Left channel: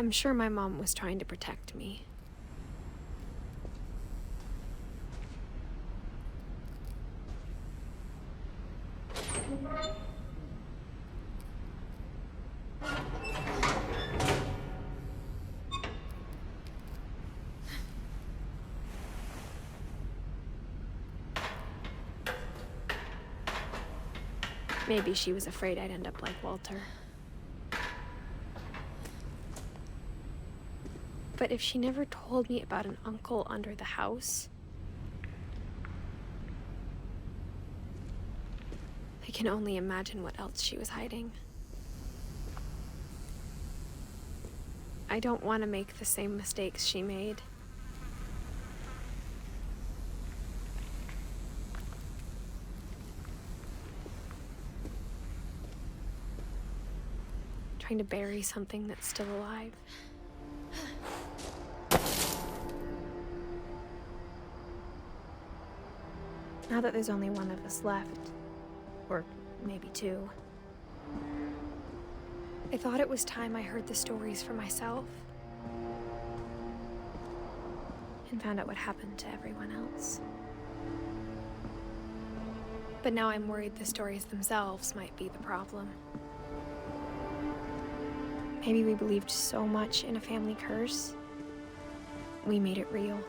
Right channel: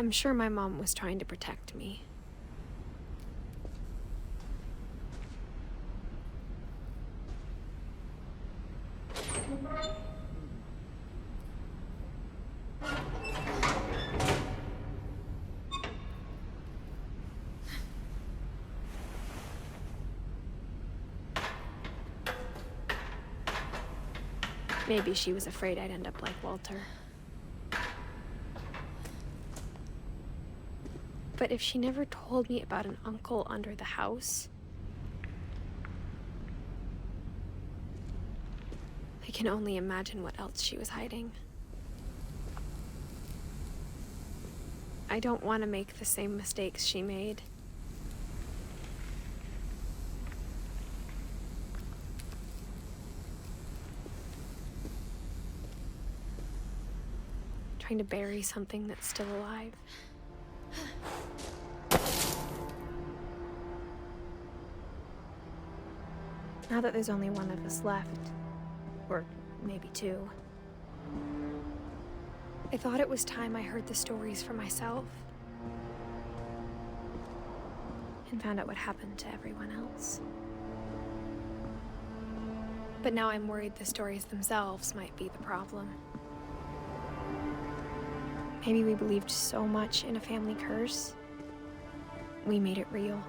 I'm sure my mom was trying to protect me. Maybe she was afraid I'd end up like Walter. But if she never told me about an uncle under the house, I can only imagine what else she was hiding. I don't want to make the same mistakes she made. Trying to bury something that's still alive. Now that there's only one of us left, or maybe two, I thought it was time I heard the stories for myself and found out what happened to everyone else. But now I'm worried the stories themselves might be the problem. Maybe we believed so much in a family curse, we made it real.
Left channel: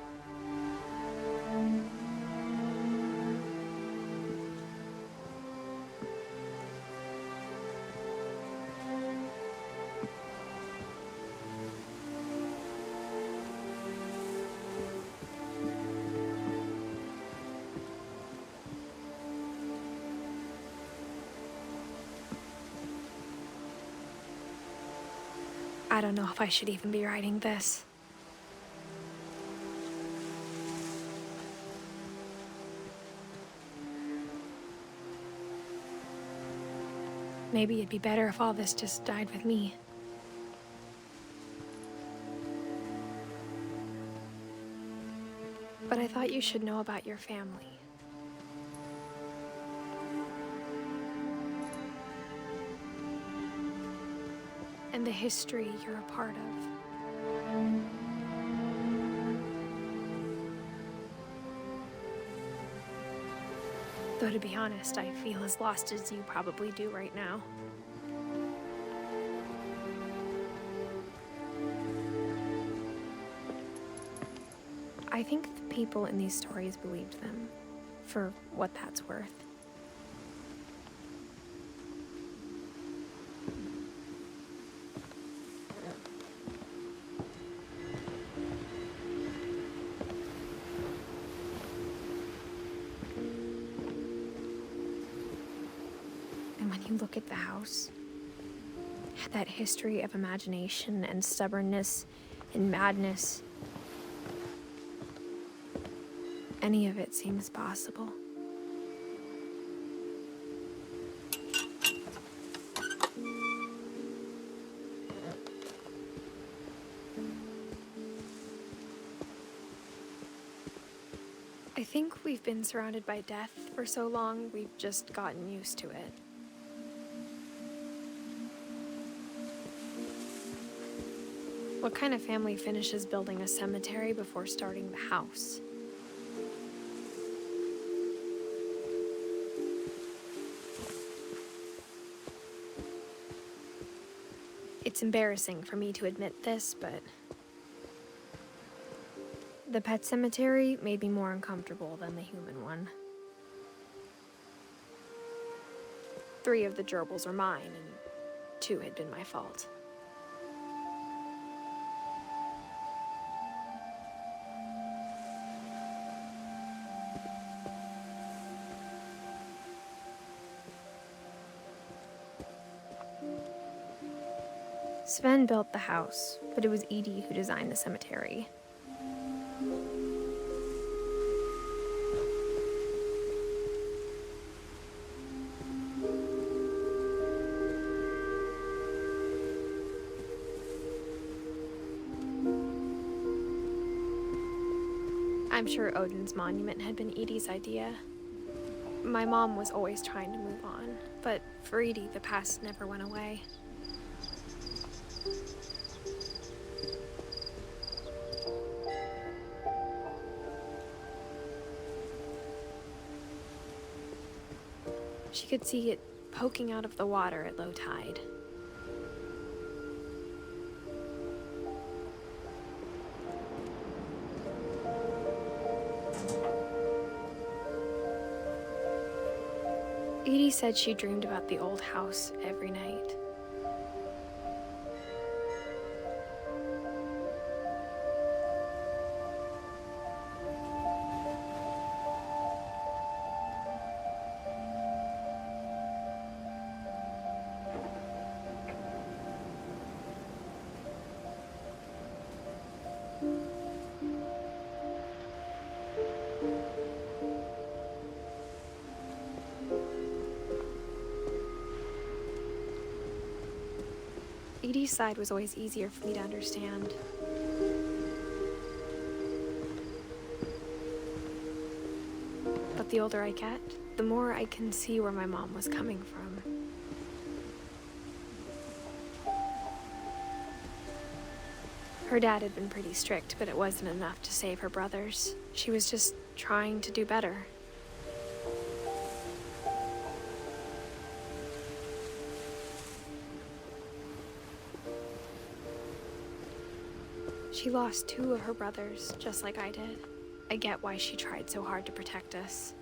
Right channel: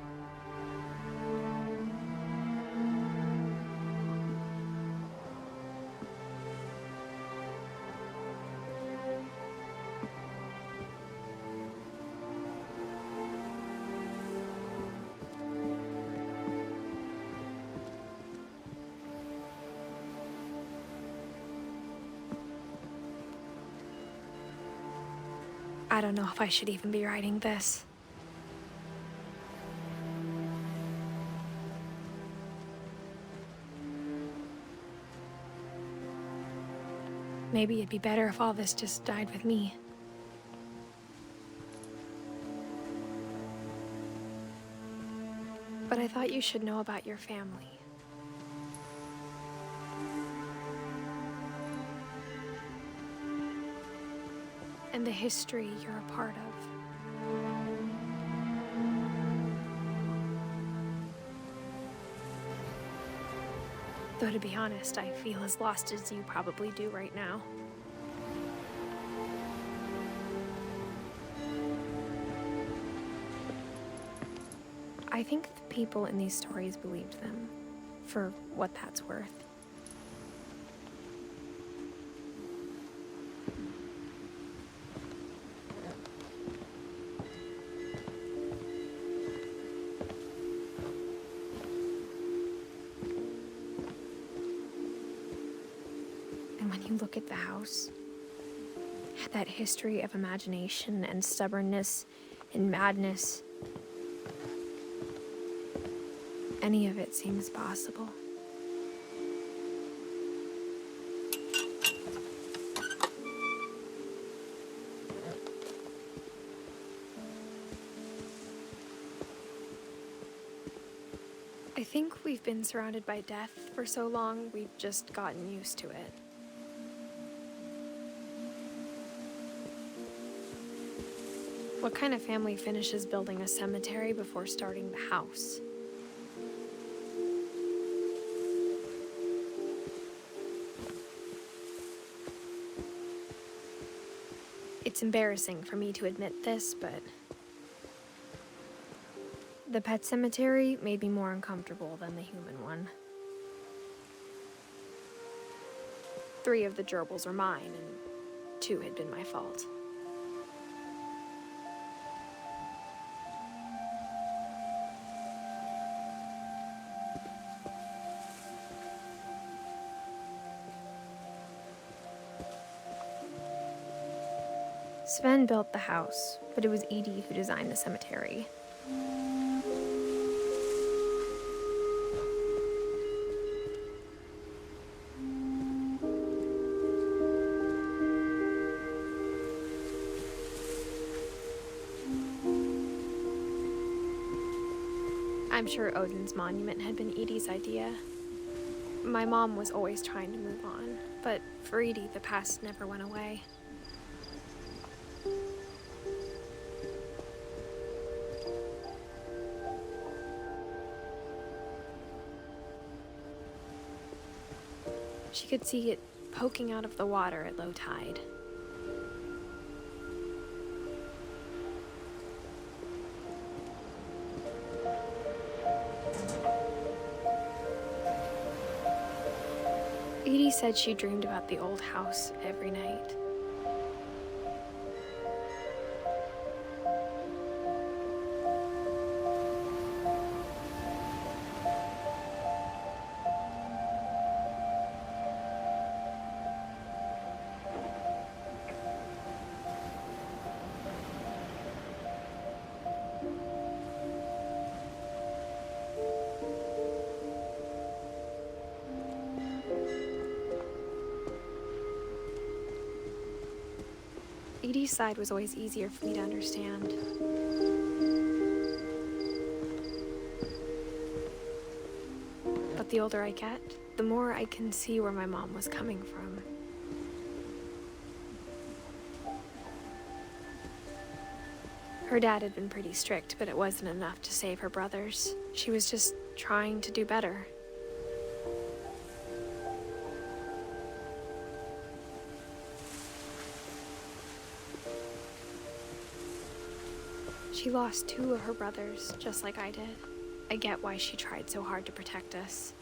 I don't know if I should even be writing this. Maybe it'd be better if all this just died with me. But I thought you should know about your family. And the history you're a part of. Though to be honest, I feel as lost as you probably do right now. I think the people in these stories believed them, for what that's worth. When you look at the house, that history of imagination and stubbornness and madness, any of it seems possible. I think we've been surrounded by death for so long, we've just gotten used to it. What kind of family finishes building a cemetery before starting the house? It's embarrassing for me to admit this, but the pet cemetery made me more uncomfortable than the human one. 3 of the gerbils are mine, and 2 had been my fault. Sven built the house, but it was Edie who designed the cemetery. I'm sure Odin's monument had been Edie's idea. My mom was always trying to move on, but for Edie, the past never went away. could see it poking out of the water at low tide. Edie said she dreamed about the old house every night. Edie's side was always easier for me to understand. But the older I get, the more I can see where my mom was coming from. Her dad had been pretty strict, but it wasn't enough to save her brothers. She was just trying to do better. She lost 2 of her brothers, just like I did. I get why she tried so hard to protect us.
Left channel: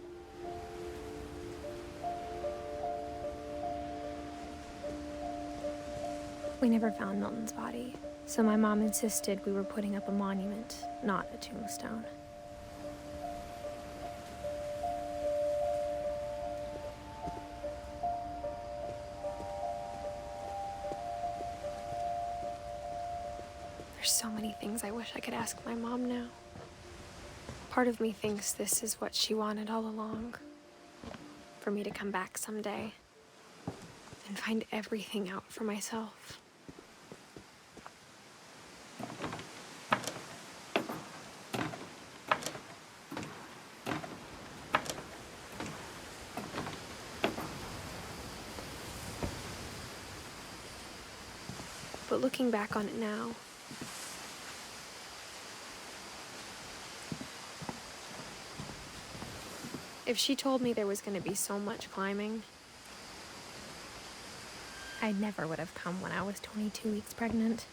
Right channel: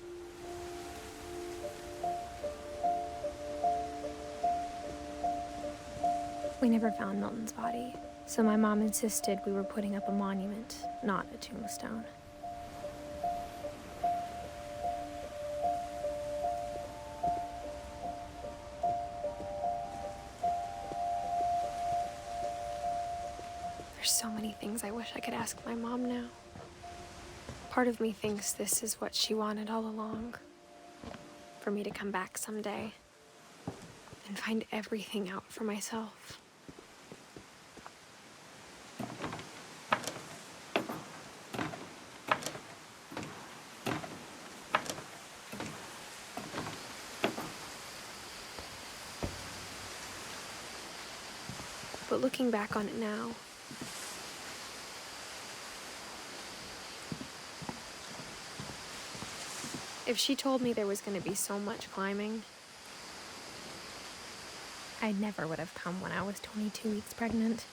We never found Milton's body, so my mom insisted we were putting up a monument, not a tombstone. There's so many things I wish I could ask my mom now. Part of me thinks this is what she wanted all along. For me to come back someday and find everything out for myself. But looking back on it now, if she told me there was going to be so much climbing, I never would have come when I was 22 weeks pregnant.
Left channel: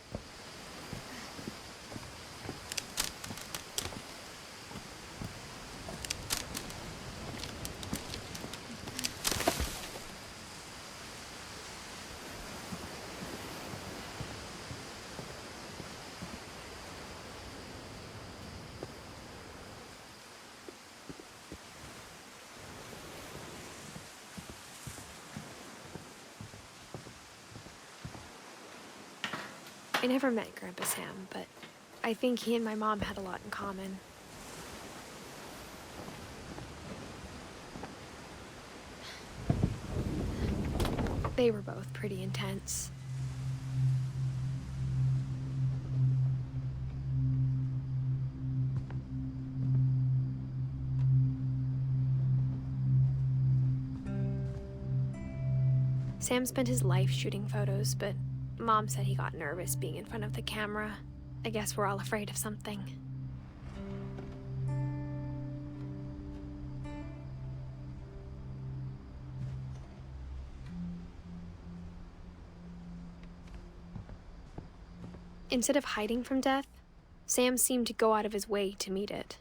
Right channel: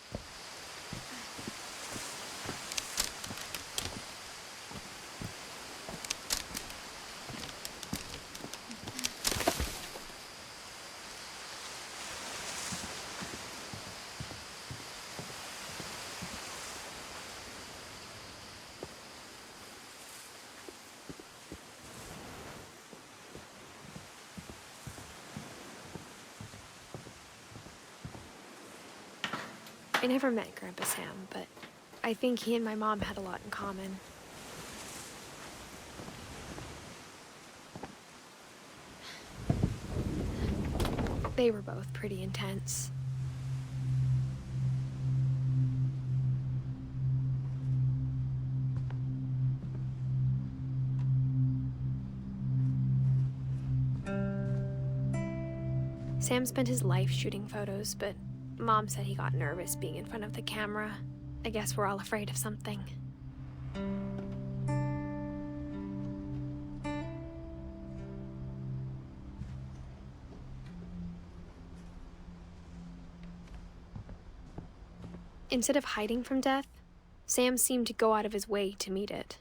I never met Grandpa Sam, but I think he and my mom had a lot in common. They were both pretty intense. Sam spent his life shooting photos, but Mom said he got nervous being in front of the camera. I guess we're all afraid of something. Instead of hiding from death, Sam seemed to go out of his way to meet it.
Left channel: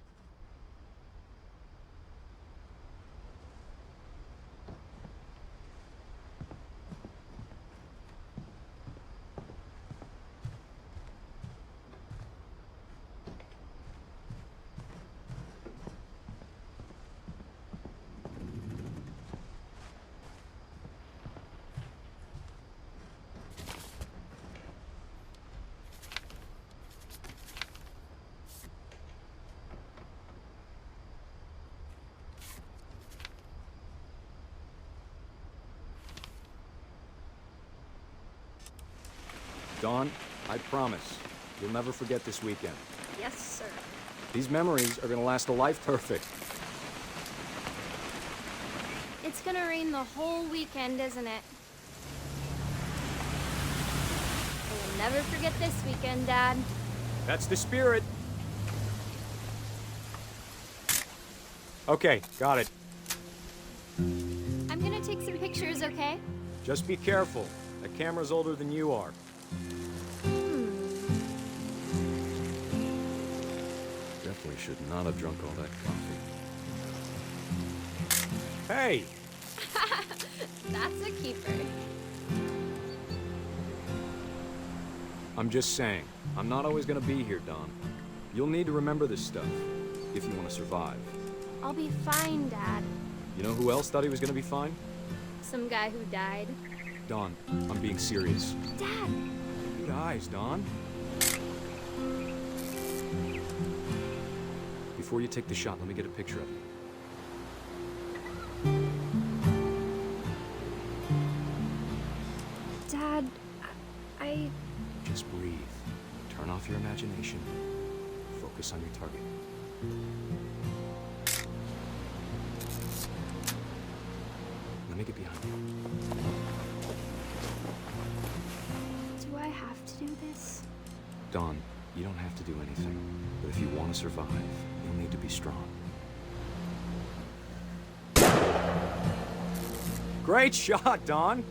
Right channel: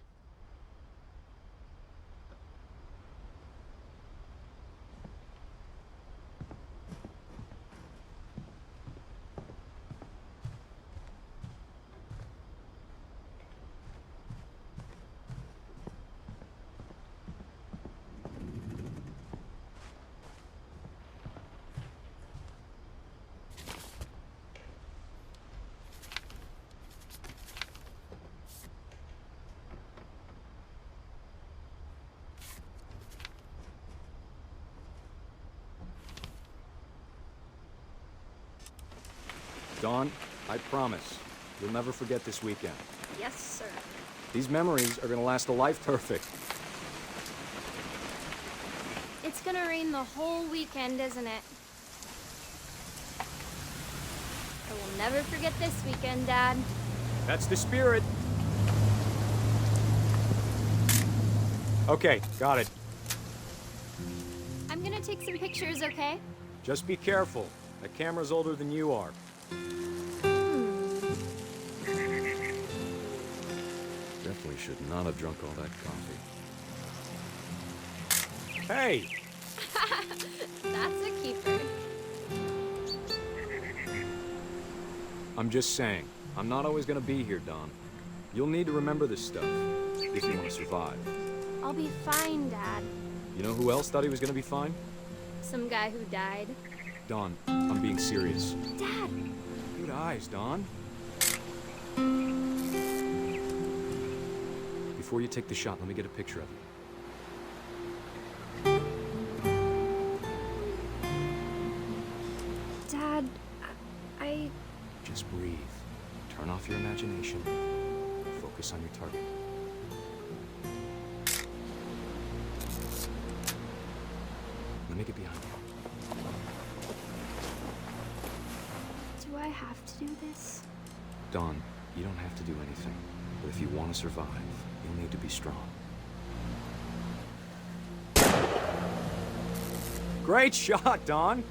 Dawn, I promise, you'll never forget this weekend. Yes, sir. These memories are gonna last a life perfect. It's gonna rain the whole weekend, isn't it? I will never forget this weekend, Dad. That's the spirit. Okay, got it. I'm gonna take some pictures, okay? Just be careful. That camera's older than you are. Definitely should not have drunk all that coffee. Hey! That's a keeper. I'm just saying, I'm not always gonna be here, Don. You'll need to remember this stuff, if you want to survive. I'll be fine, Dad. You know who else thought he was gonna be fine? Some guy who died. Don, I'm being serious. Dad! Good eyes, Don. Before you take the shot, let me get a picture of you. Dad, I... Just breathe. Turn off your imagination. Focus on your target. Let me get behind you. Do I have to do this? Don, you don't have to do anything. But if you want to survive, you'll need to be strong. Great shot, Don!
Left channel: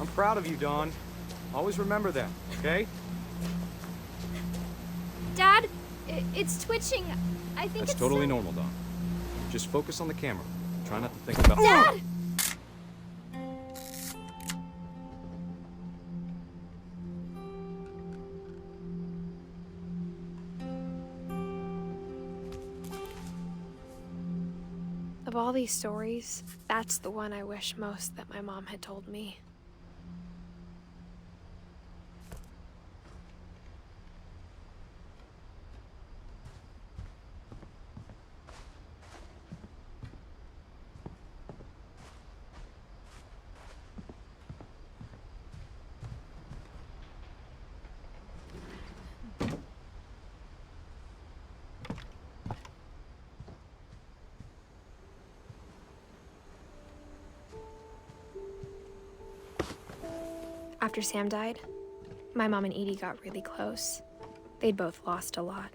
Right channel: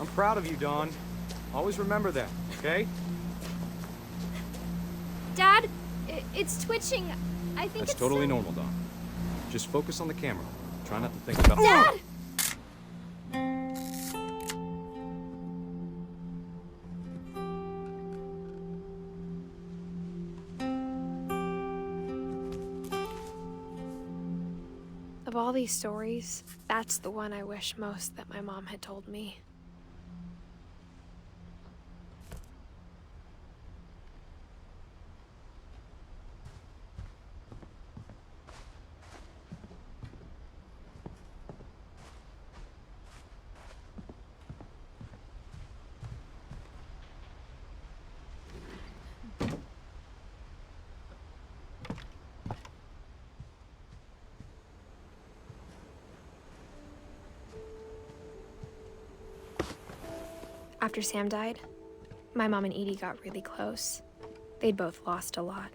I'm proud of you, Don. Always remember that, okay? Dad, it's twitching. I think That's it's totally normal, Don. Just focus on the camera. Try not to think about... Dad! Of all these stories, that's the one I wish most that my mom had told me. After Sam died, my mom and Edie got really close. They'd both lost a lot.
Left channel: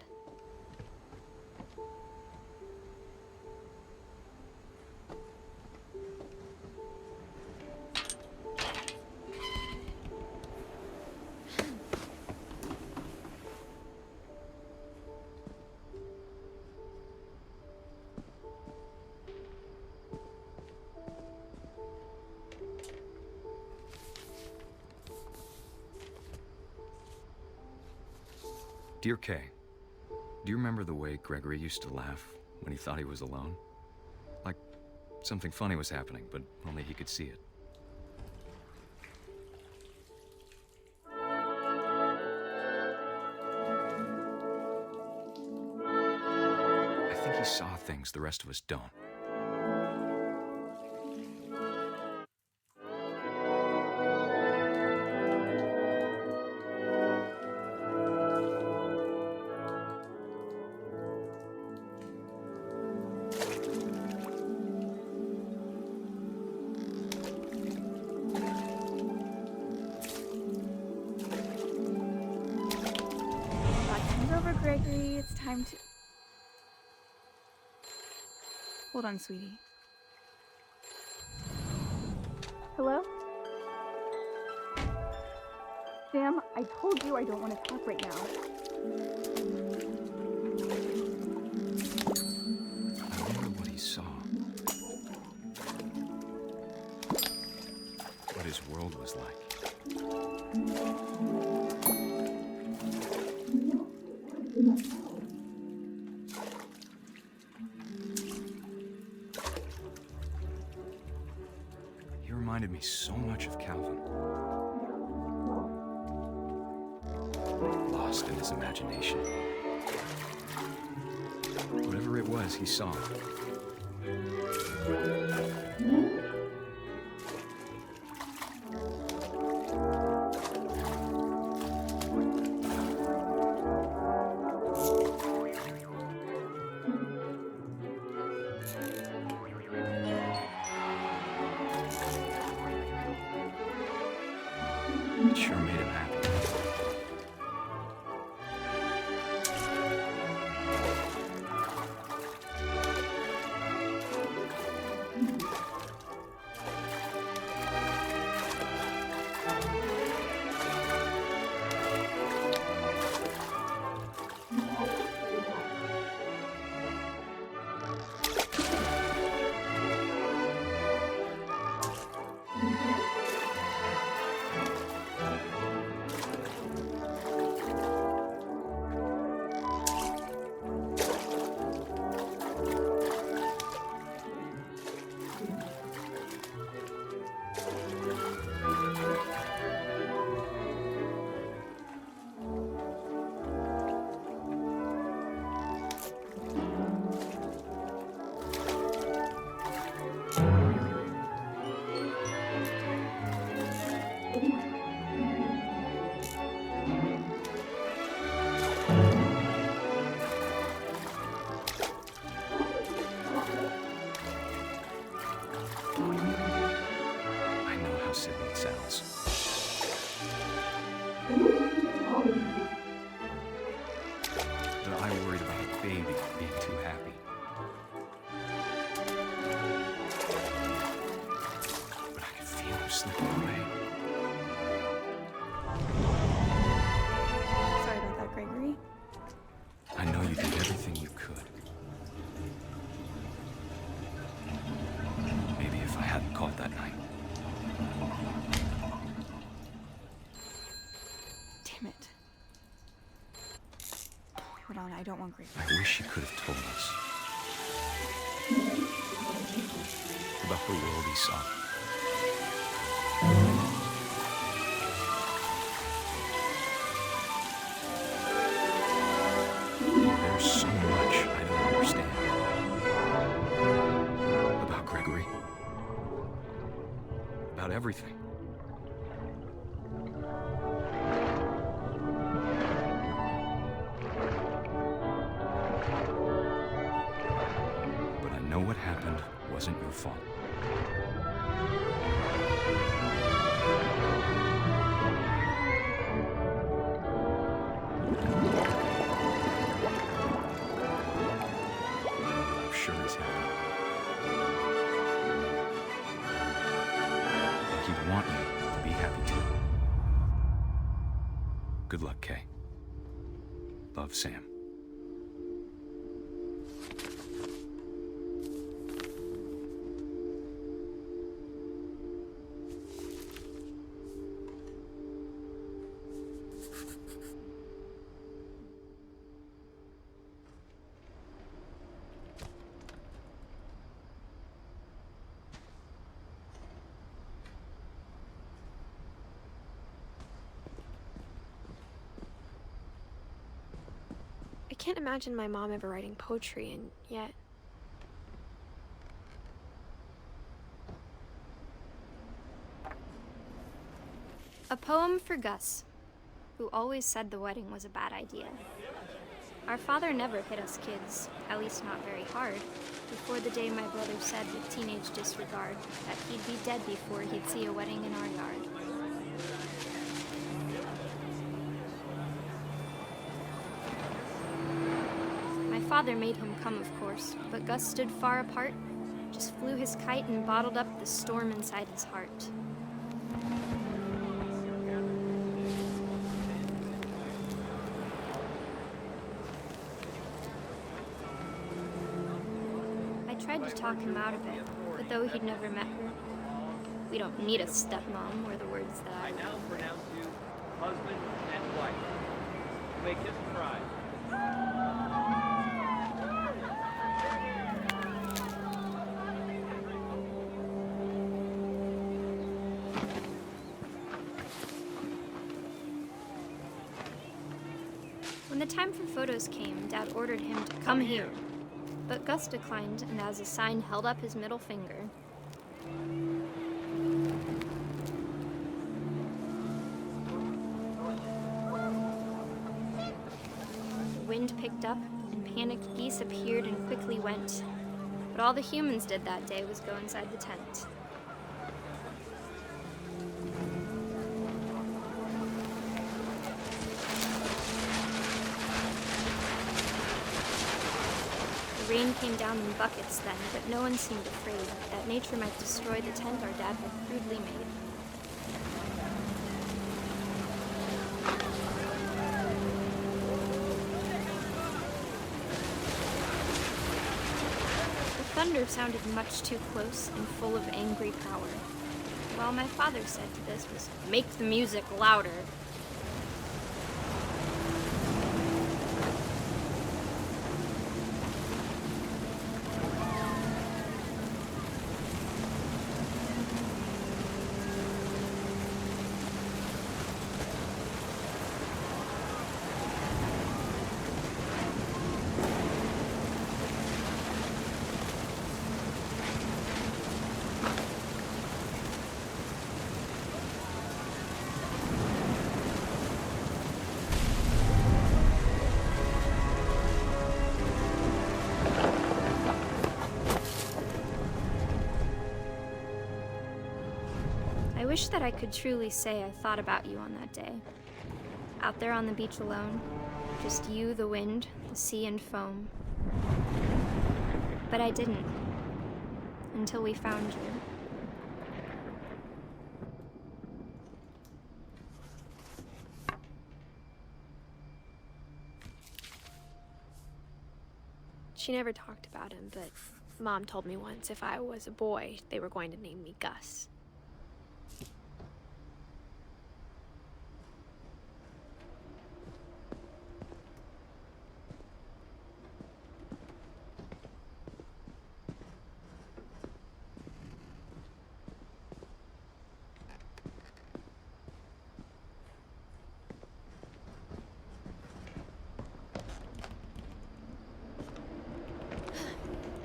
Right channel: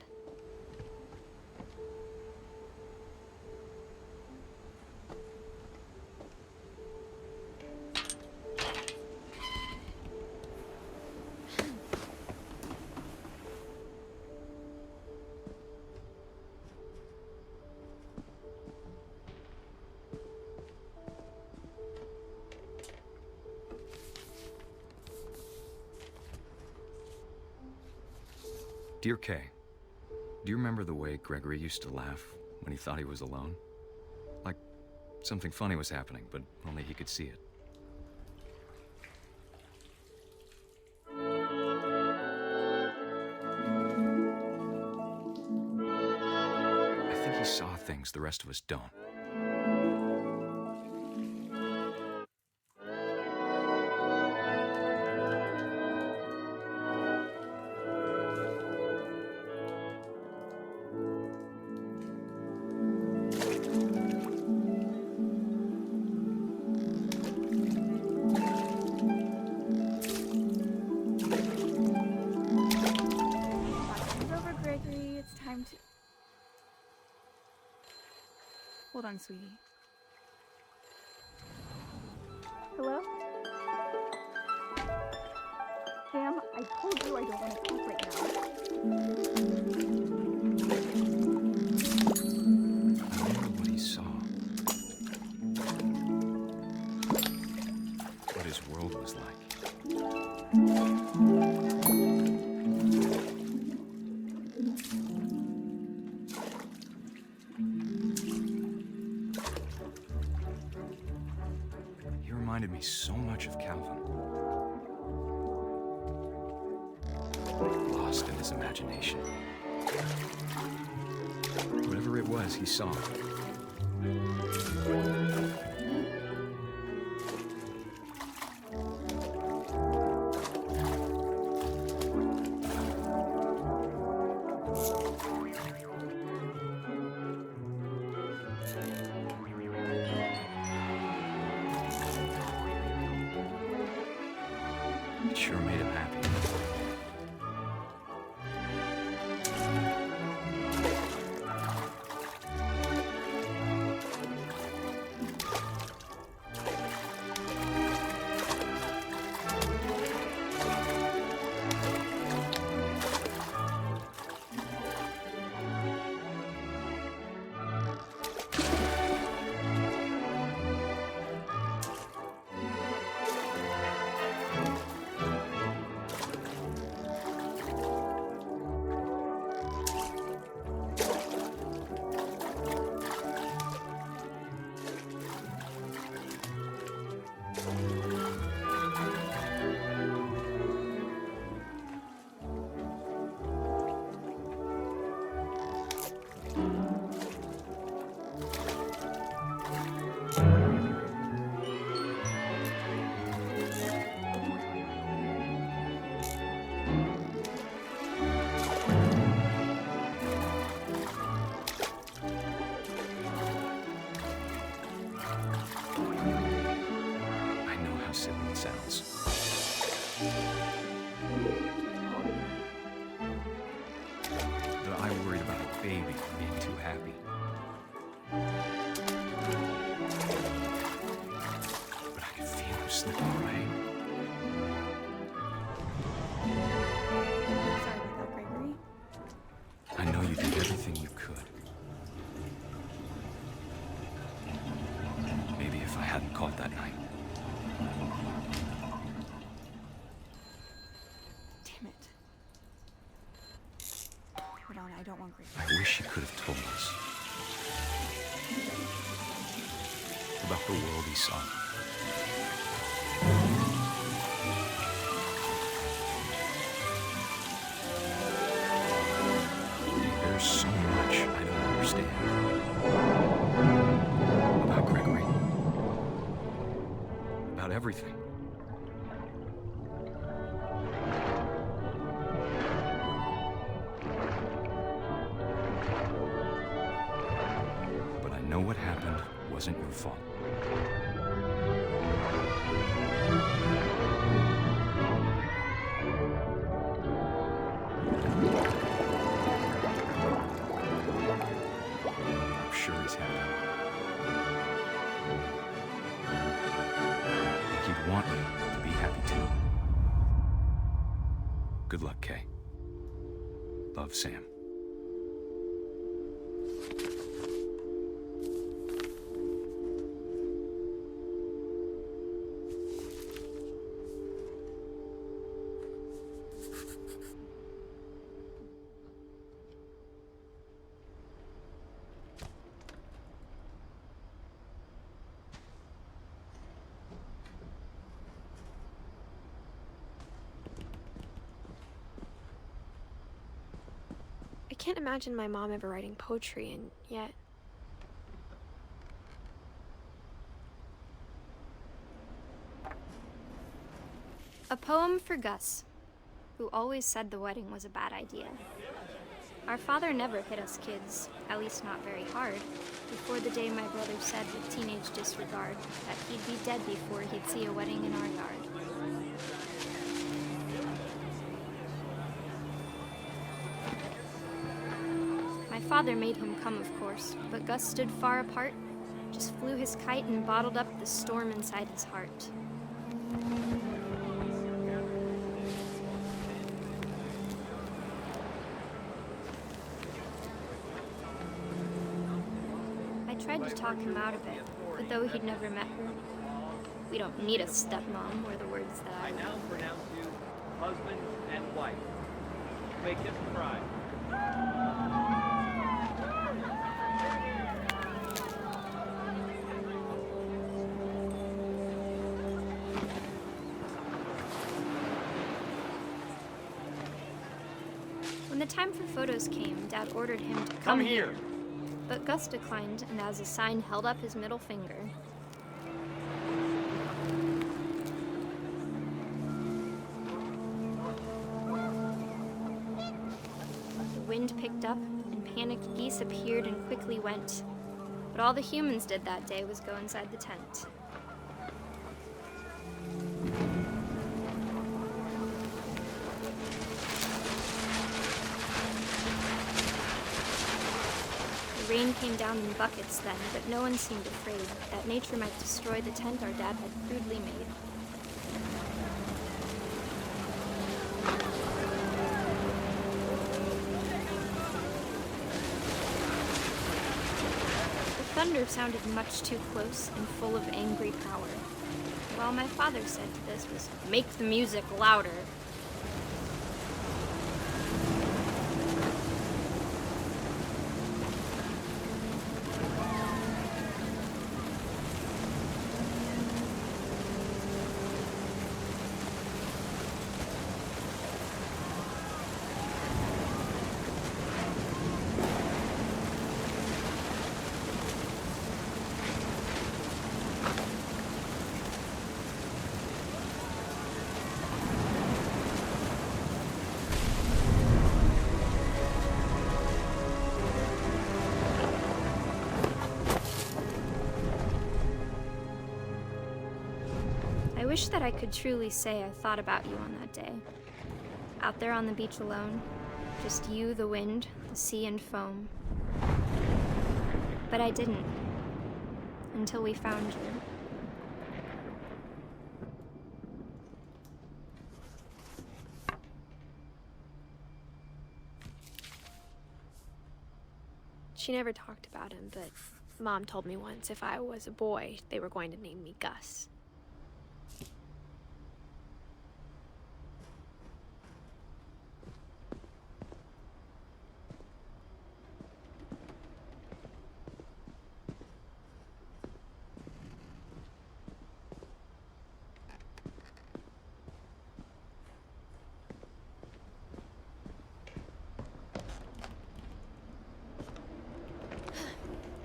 Dear Kay, do you remember the way Gregory used to laugh when he thought he was alone? Like something funny was happening, but only he could see it. I think he saw things the rest of us don't. Gregory, it's time to... Hold on, sweetie. Hello? Sam, I told you I don't want to talk right now. I wonder what he saw. What his world was like. He reminded me so much of Calvin. Lost in his imagination. Whatever it was, he saw. It sure made him happy. sounds. That I worried about a baby being too happy. But I could feel him slipping away. Sorry about that, Gregory. I know you did everything you could. Maybe if I hadn't called that night. Damn it. Hold on, I don't want Gregory. I wish she could have told us about the world he saw. There's so much I don't understand about Gregory, about everything. But I know what happened wasn't your fault. I'm sure he's happy. And he'd want you to be happy too. Good luck, Kay. Love, Sam. I can't imagine my mom ever writing poetry, and yet... A poem for Gus, who always said the wedding was a bad idea. Our father never hit us kids, at least not very hard, before the day my brother said with teenage disregard that he'd be dead before he'd see a wedding in our yard. My father made him come, of course, but Gus stood far apart, just flew his kite and bottled up the storm inside his heart. I tried to talk him out of it, but though he'd never met her, we don't need a stepmom, were the words that I now pronounce you husband and wife. You may kiss the bride. When the time for photos came, Dad ordered him to come here. But Gus declined, and as a sign held up his middle finger. The wind picked up, and panicked geese appeared and quickly went. But all the humans did that day was go inside the tent. The rain came down in buckets then, but no one seemed afraid that nature might destroy the tent our dad had crudely made. The thunder sounded much too close and full of angry power. While my father said to this was, "Make the music louder." I wish that I could truly say I thought about you on that day. Out there on the beach alone, just you, the wind, the sea, and foam. But I didn't, until we found you. She never talked about him, but Mom told me once if I was a boy, they were going to name me Gus.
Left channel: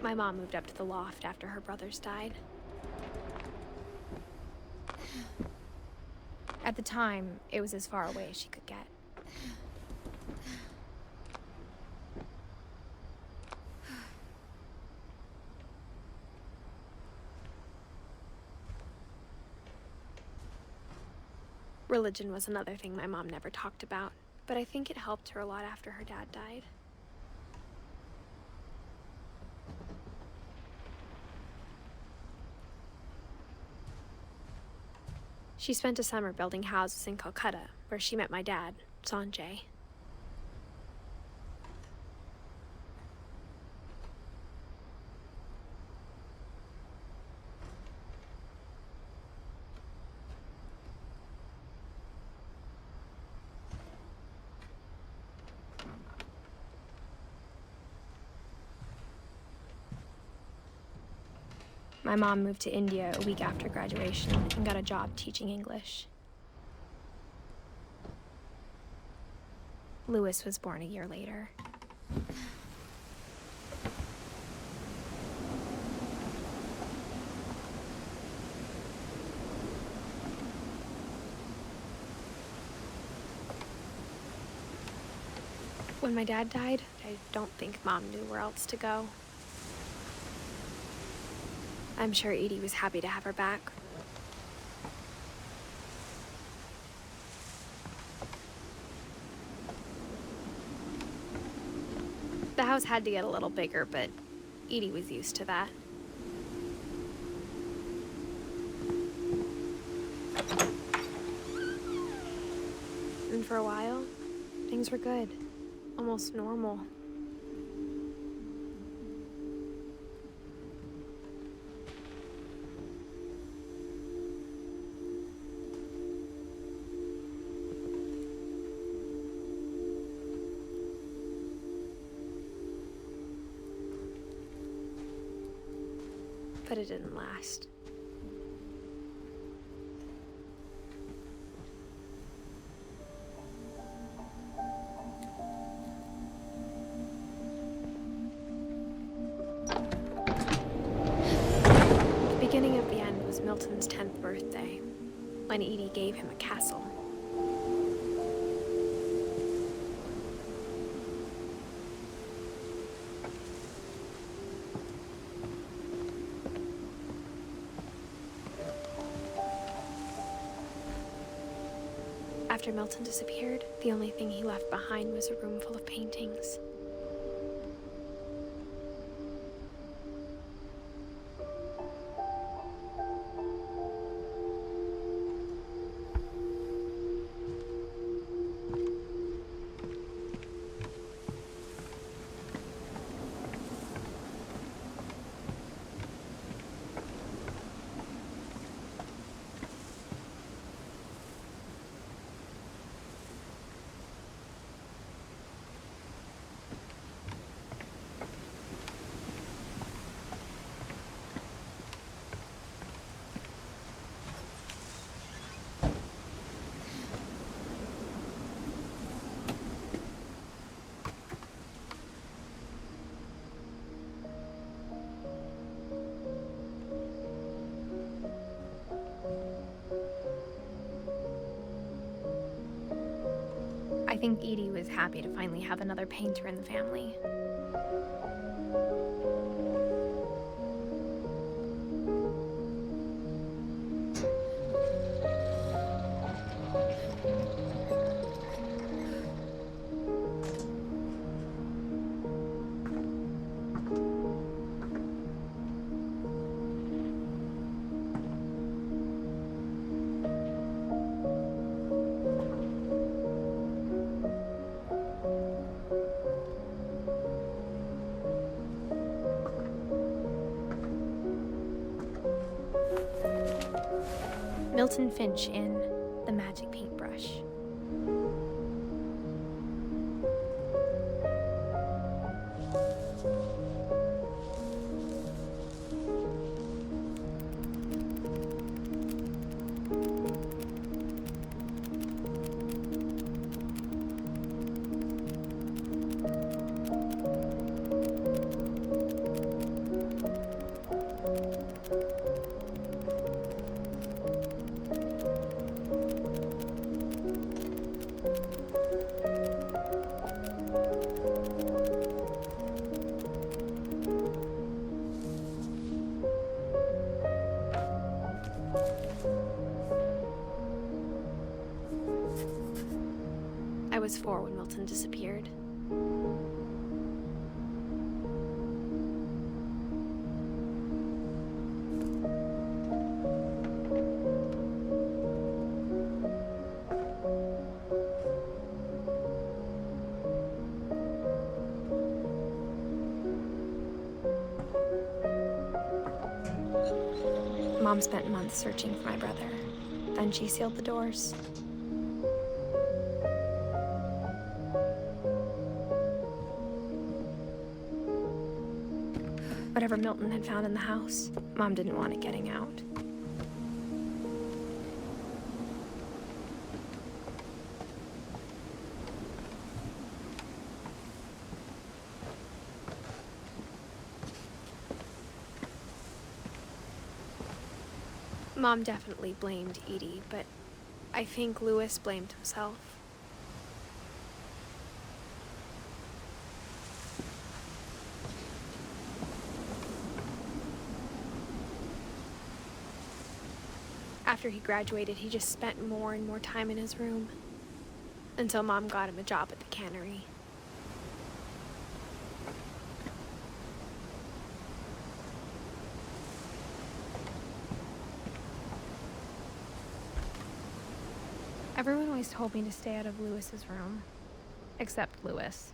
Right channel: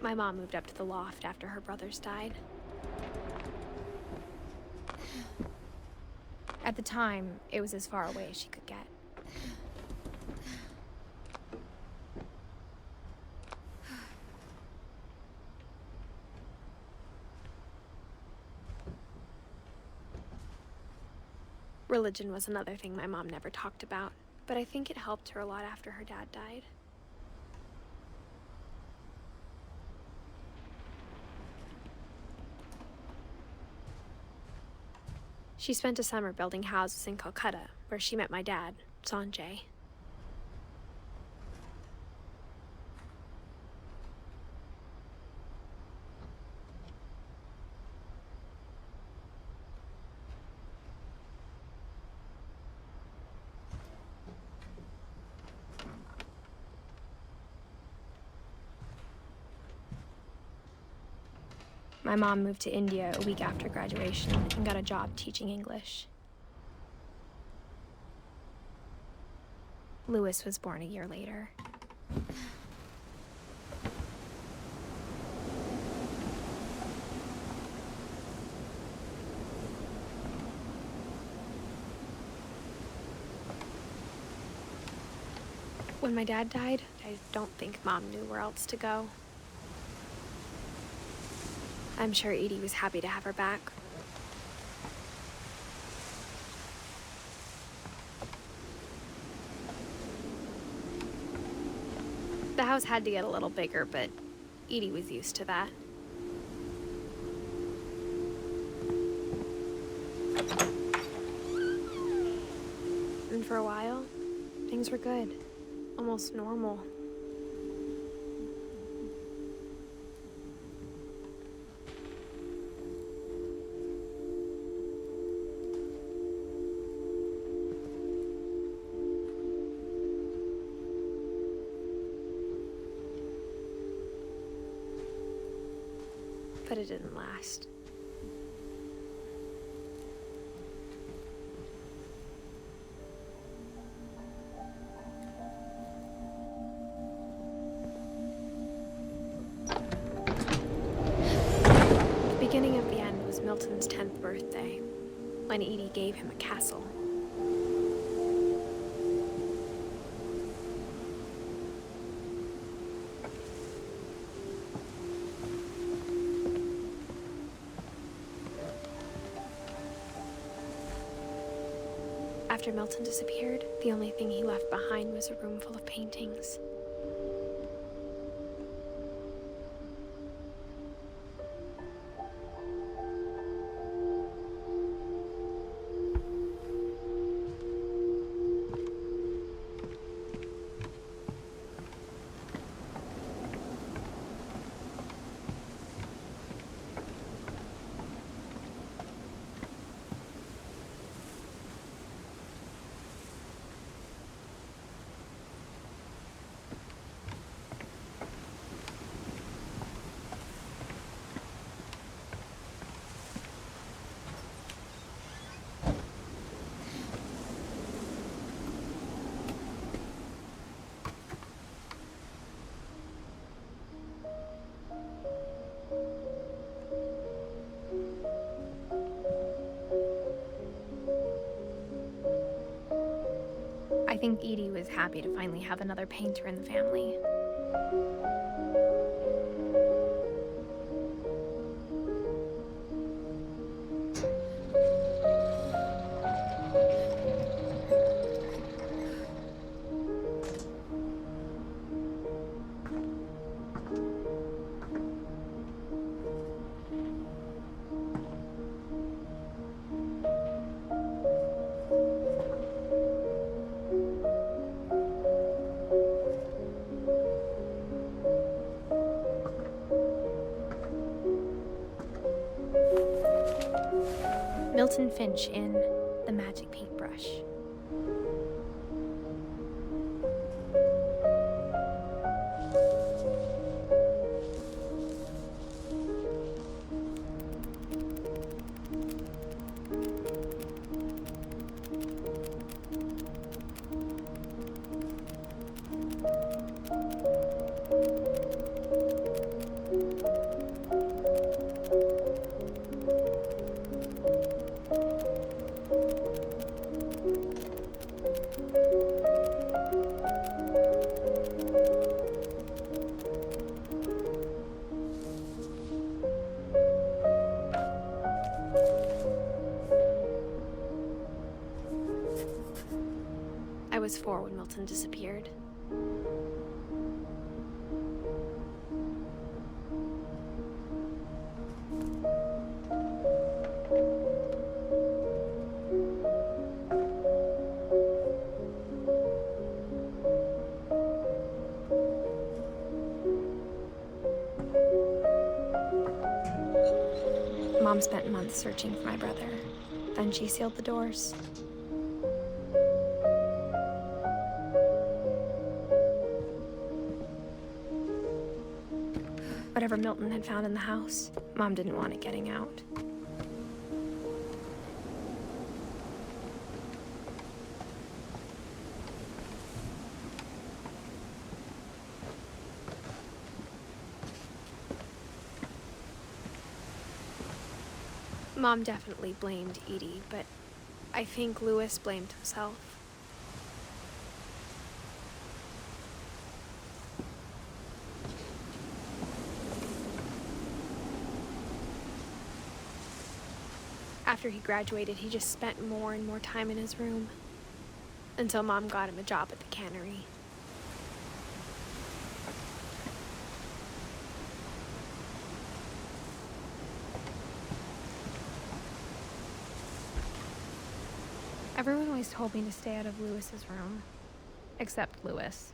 My mom moved up to the loft after her brothers died. At the time, it was as far away as she could get. Religion was another thing my mom never talked about, but I think it helped her a lot after her dad died. She spent a summer building houses in Calcutta, where she met my dad, Sanjay. My mom moved to India a week after graduation and got a job teaching English. Louis was born a year later. When my dad died, I don't think Mom knew where else to go. I'm sure Edie was happy to have her back. The house had to get a little bigger, but Edie was used to that. And for a while, things were good, almost normal. But it didn't last. The beginning of the end was Milton's 10th birthday, when Edie gave him a castle. After Milton disappeared, the only thing he left behind was a room full of paintings. I think Edie was happy to finally have another painter in the family. Milton Finch in The Magic Paintbrush. I was 4 when Milton disappeared. Mom spent months searching for my brother. Then she sealed the doors. Whatever Milton had found in the house, Mom didn't want it getting out. Mom definitely blamed Edie, but I think Louis blamed himself. After he graduated, he just spent more and more time in his room, until Mom got him a job at the cannery. Everyone always told me to stay out of Louis's room, except Louis.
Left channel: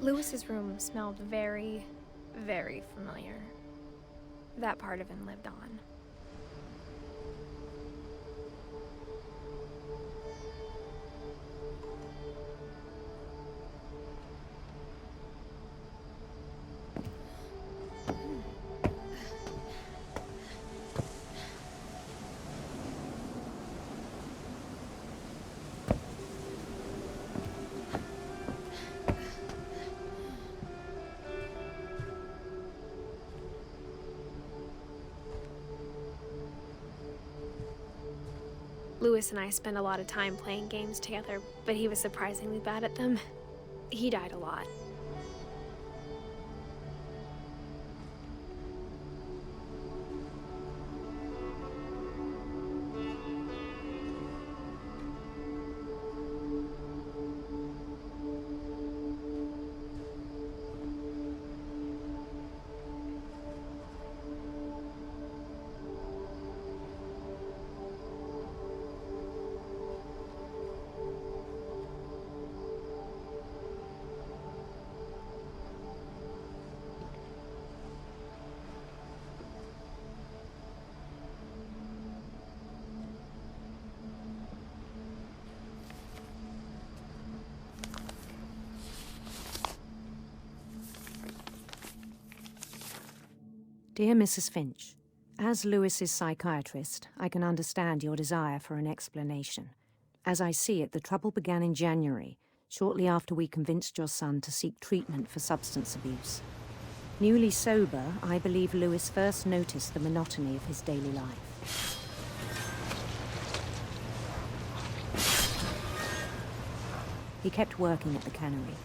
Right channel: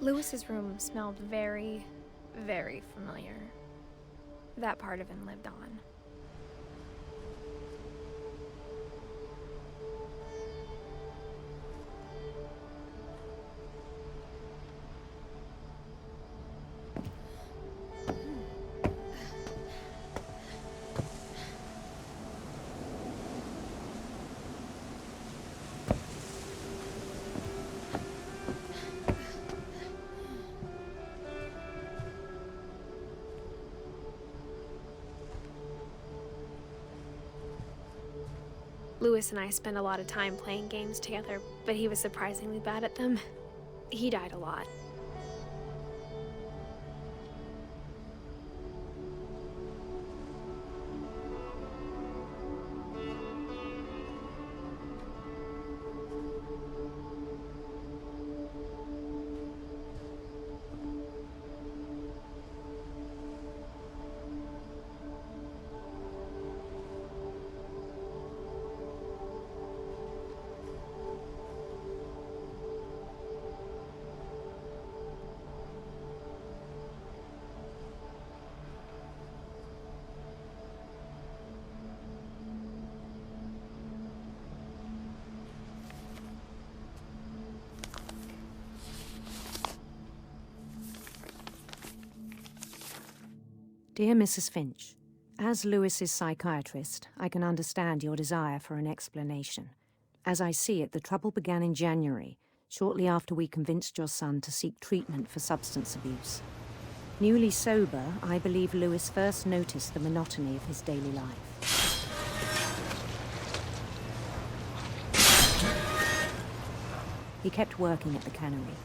Louis's room smelled very, very familiar. That part of him lived on. Louis and I spent a lot of time playing games together, but he was surprisingly bad at them. He died a lot. Dear Mrs. Finch, as Louis's psychiatrist, I can understand your desire for an explanation. As I see it, the trouble began in January, shortly after we convinced your son to seek treatment for substance abuse. Newly sober, I believe Louis first noticed the monotony of his daily life. He kept working at the cannery,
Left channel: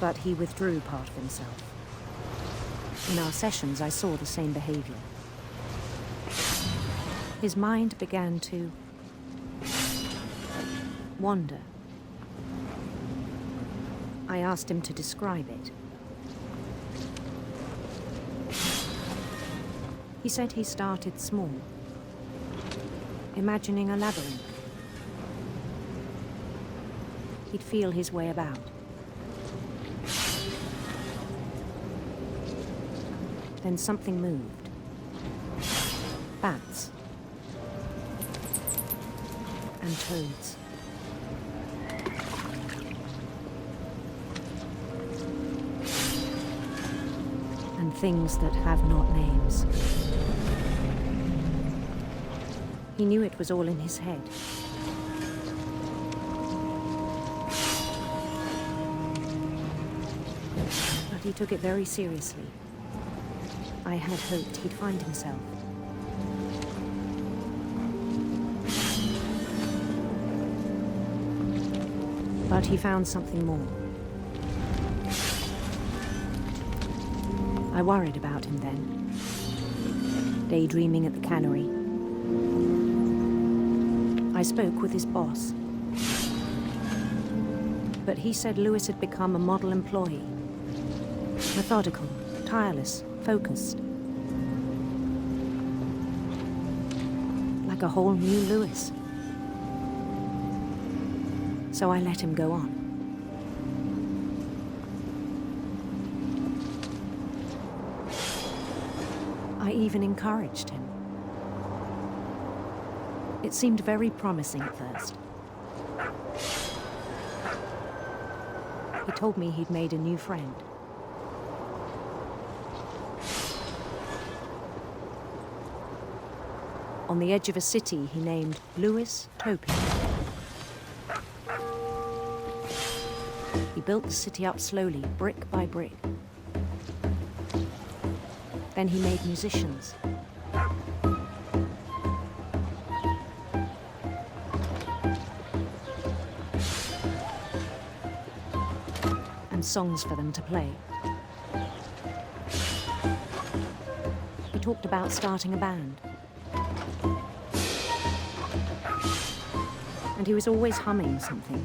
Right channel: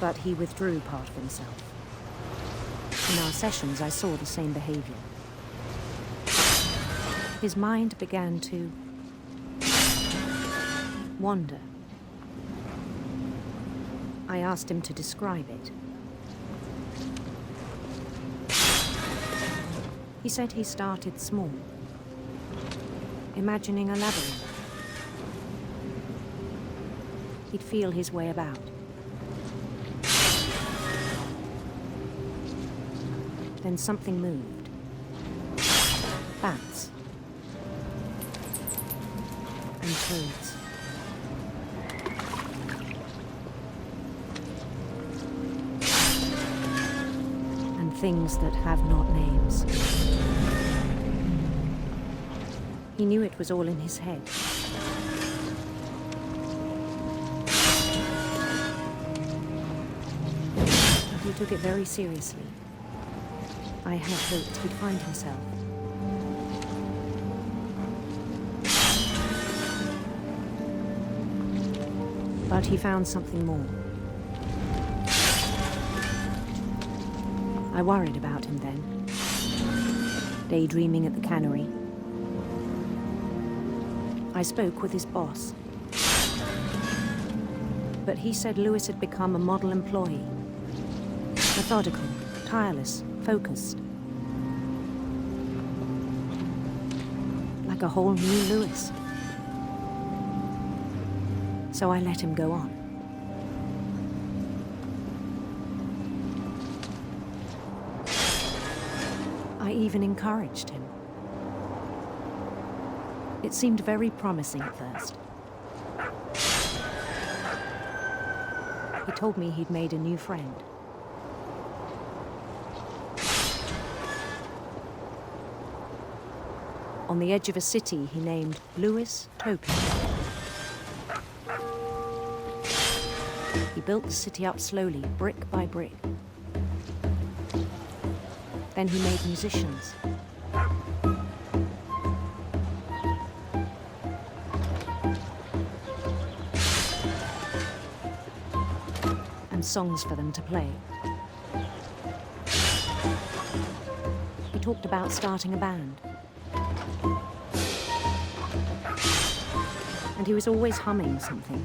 but he withdrew part of himself. In our sessions, I saw the same behavior. His mind began to wander. I asked him to describe it. He said he started small, imagining a labyrinth. He'd feel his way about. Then something moved. Bats. And toads. And things that have not names. He knew it was all in his head. But he took it very seriously. I had hoped he'd find himself. But he found something more. I worried about him then, daydreaming at the cannery. I spoke with his boss, but he said Lewis had become a model employee, methodical, tireless, focused. Like a whole new Lewis. So I let him go on. I even encouraged him. It seemed very promising at first. He told me he'd made a new friend. On the edge of a city he named Lewis Topia. He built the city up slowly, brick by brick. Then he made musicians. And songs for them to play. He talked about starting a band. And he was always humming something.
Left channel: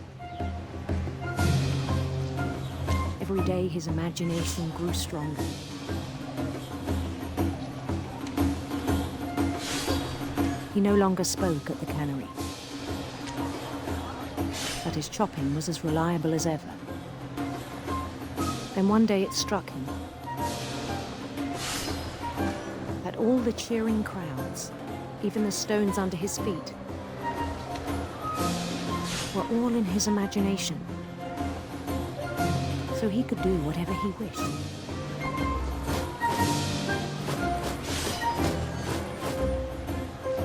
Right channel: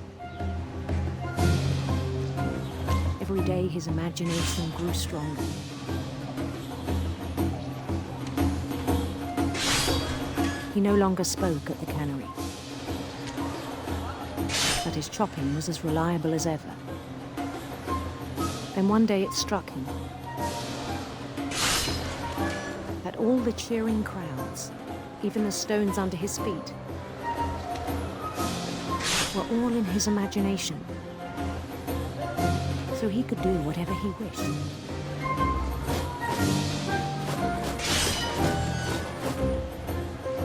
Every day his imagination grew stronger. He no longer spoke at the cannery, but his chopping was as reliable as ever. Then one day it struck him that all the cheering crowds, even the stones under his feet, were all in his imagination, so he could do whatever he wished.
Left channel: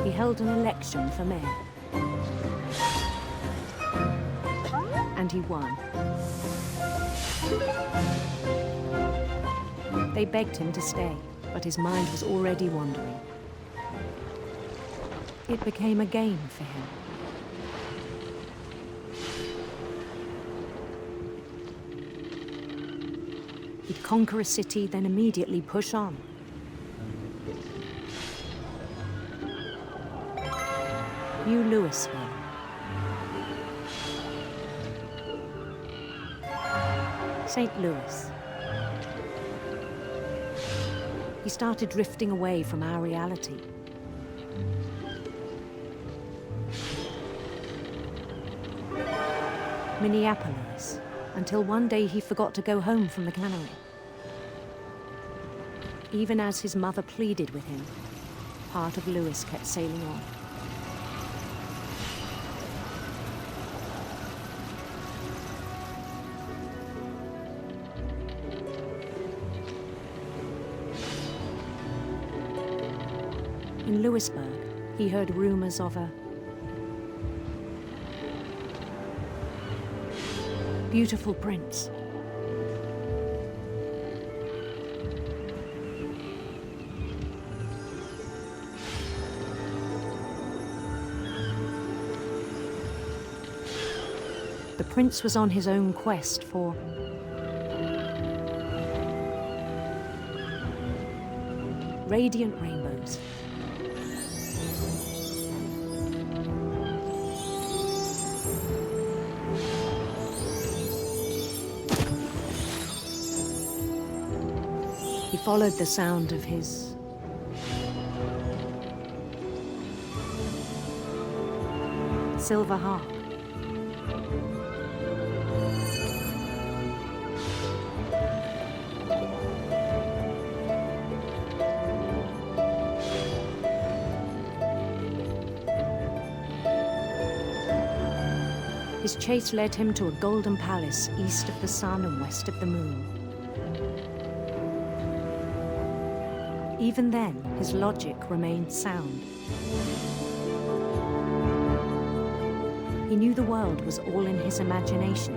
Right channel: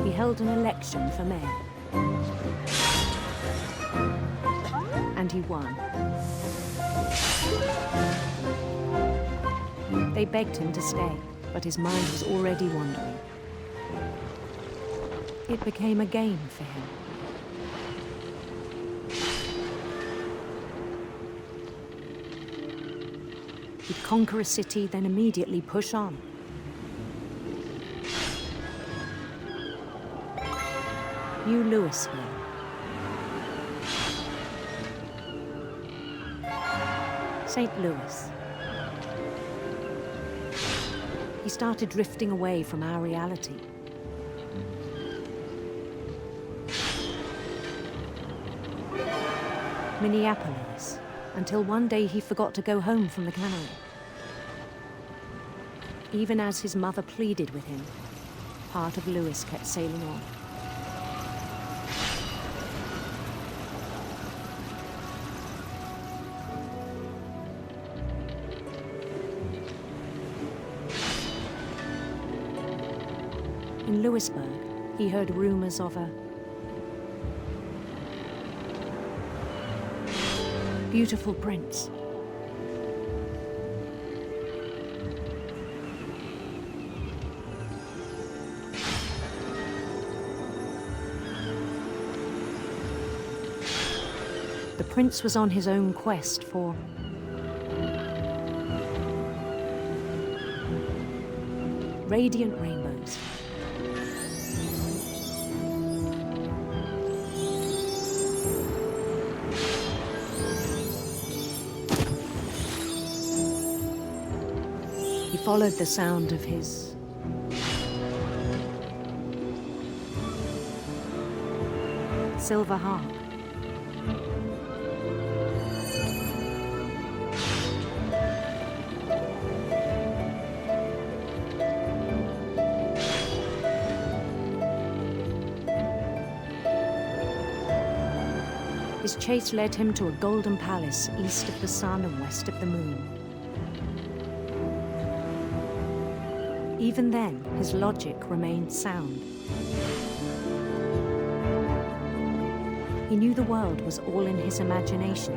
He held an election for mayor. And he won. They begged him to stay, but his mind was already wandering. It became a game for him. He'd conquer a city, then immediately push on. New Louisville. St. Louis. He started drifting away from our reality. Minneapolis, until one day he forgot to go home from the cannery. Even as his mother pleaded with him, part of Lewis kept sailing on. In Lewisburg, he heard rumors of a beautiful prince. The prince was on his own quest for radiant rainbows. He followed the sound of his silver harp. His chase led him to a golden palace east of the sun and west of the moon. Even then, his logic remained sound. He knew the world was all in his imagination.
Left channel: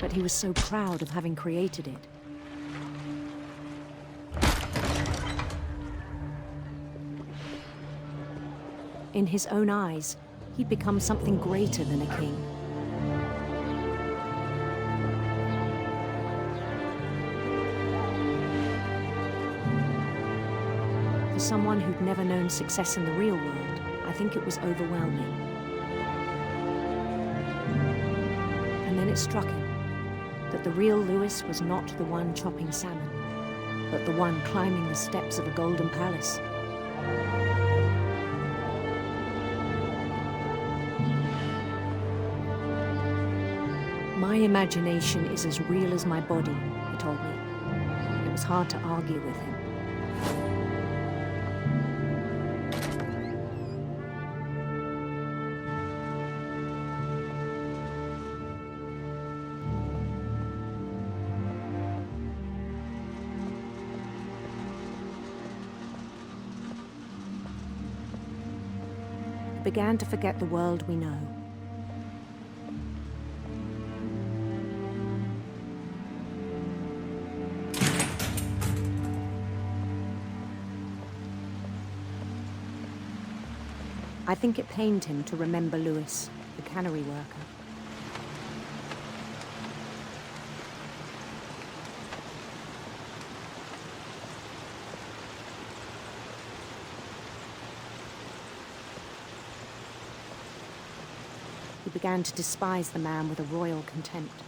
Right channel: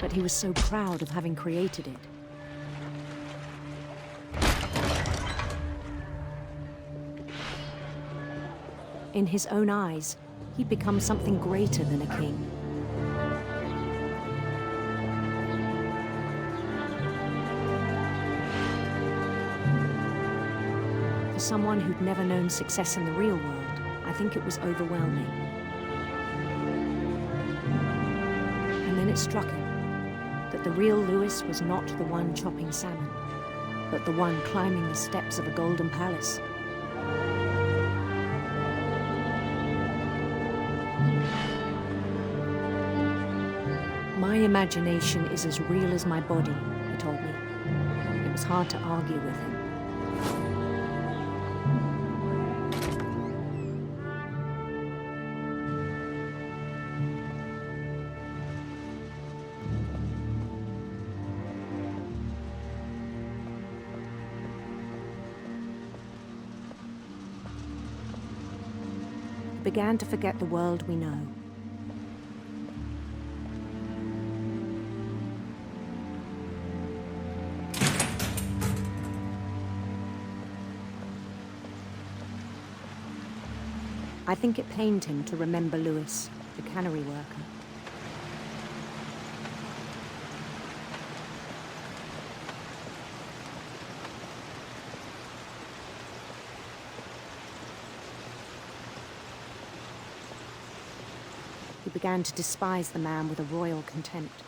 But he was so proud of having created it. In his own eyes, he'd become something greater than a king. For someone who'd never known success in the real world, I think it was overwhelming. And then it struck him that the real Lewis was not the one chopping salmon, but the one climbing the steps of a golden palace. My imagination is as real as my body, he told me. It was hard to argue with him. He began to forget the world we know. I think it pained him to remember Lewis, the cannery worker. He began to despise the man with a royal contempt.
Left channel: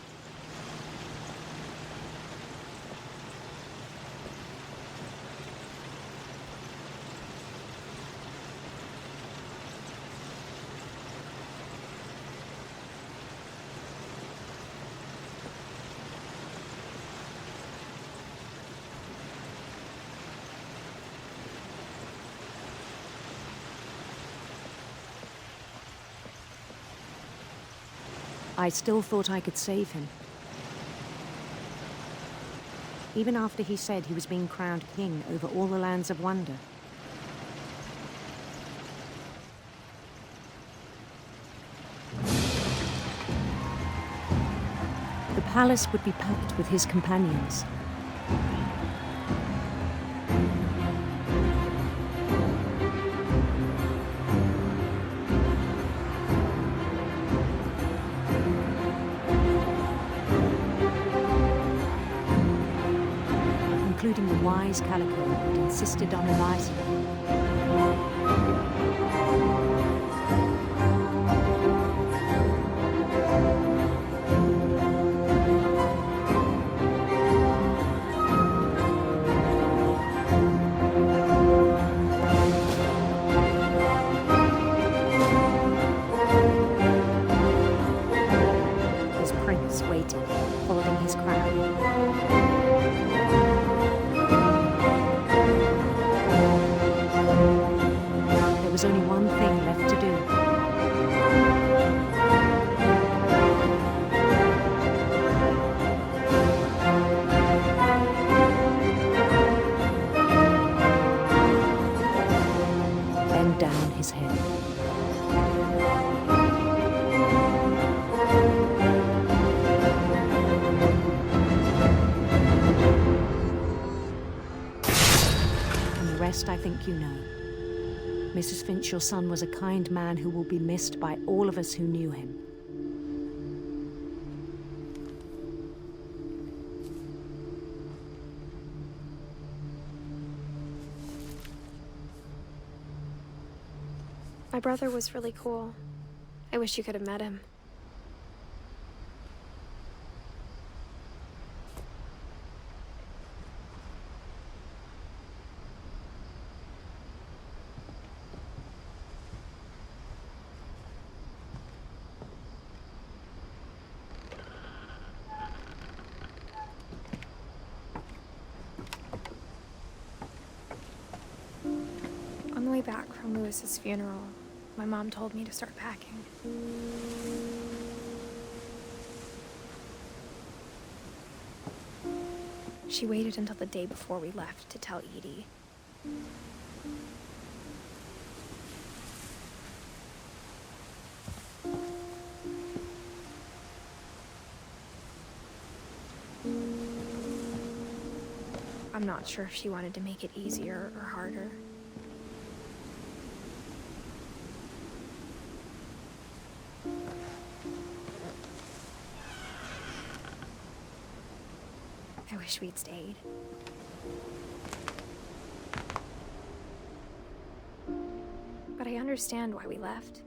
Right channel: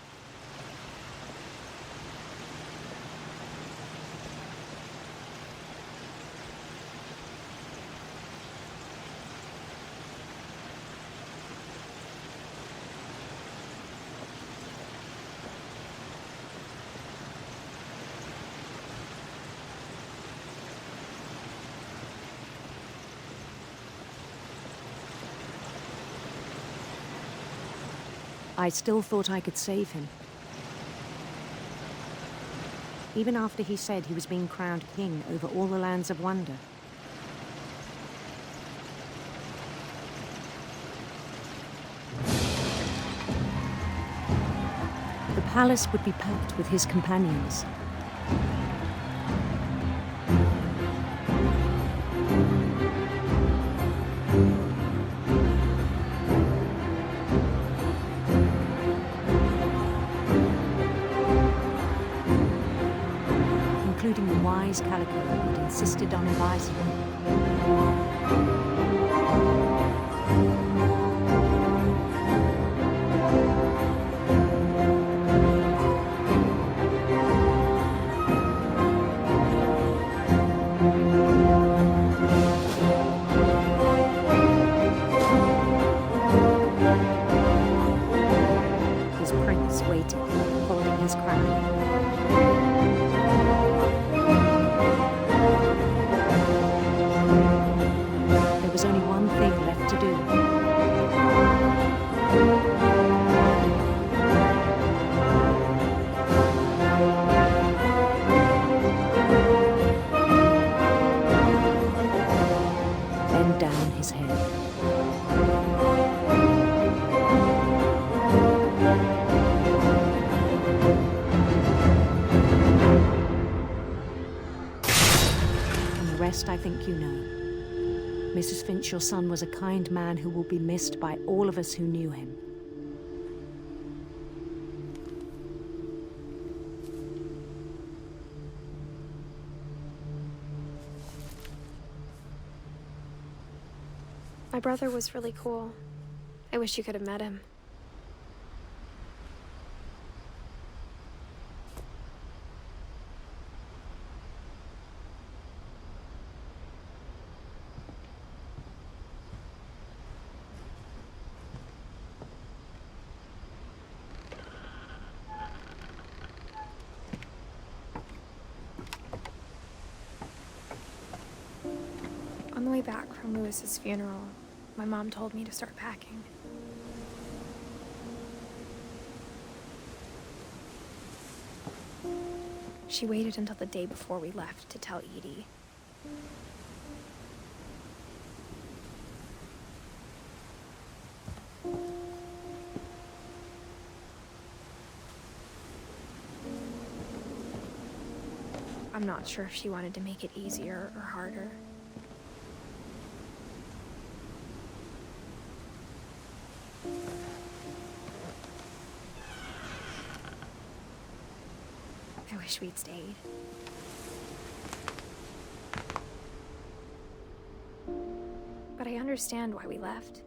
I still thought I could save him. Even after he said he was being crowned king over all the lands of wonder. The palace would be packed with his companions. Including the wise Calico who'd insisted on advising him. His prince waited, holding his crown. rest, I think you know. Mrs. Finch, your son was a kind man who will be missed by all of us who knew him. My brother was really cool. I wish you could have met him. On the way back from Lewis's funeral, my mom told me to start packing. She waited until the day before we left to tell Edie. I'm not sure if she wanted to make it easier or harder. I wish we'd stayed. But I understand why we left.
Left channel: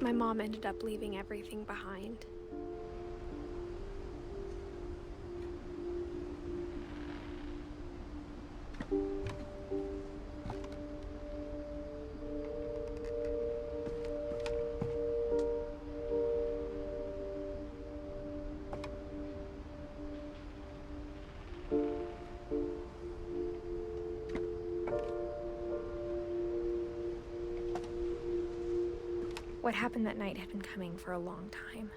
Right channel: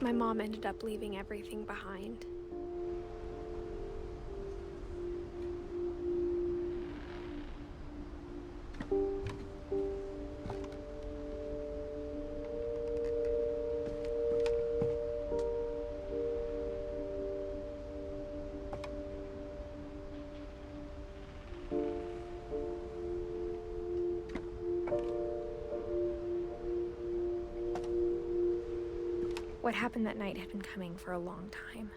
My mom ended up leaving everything behind. What happened that night had been coming for a long time.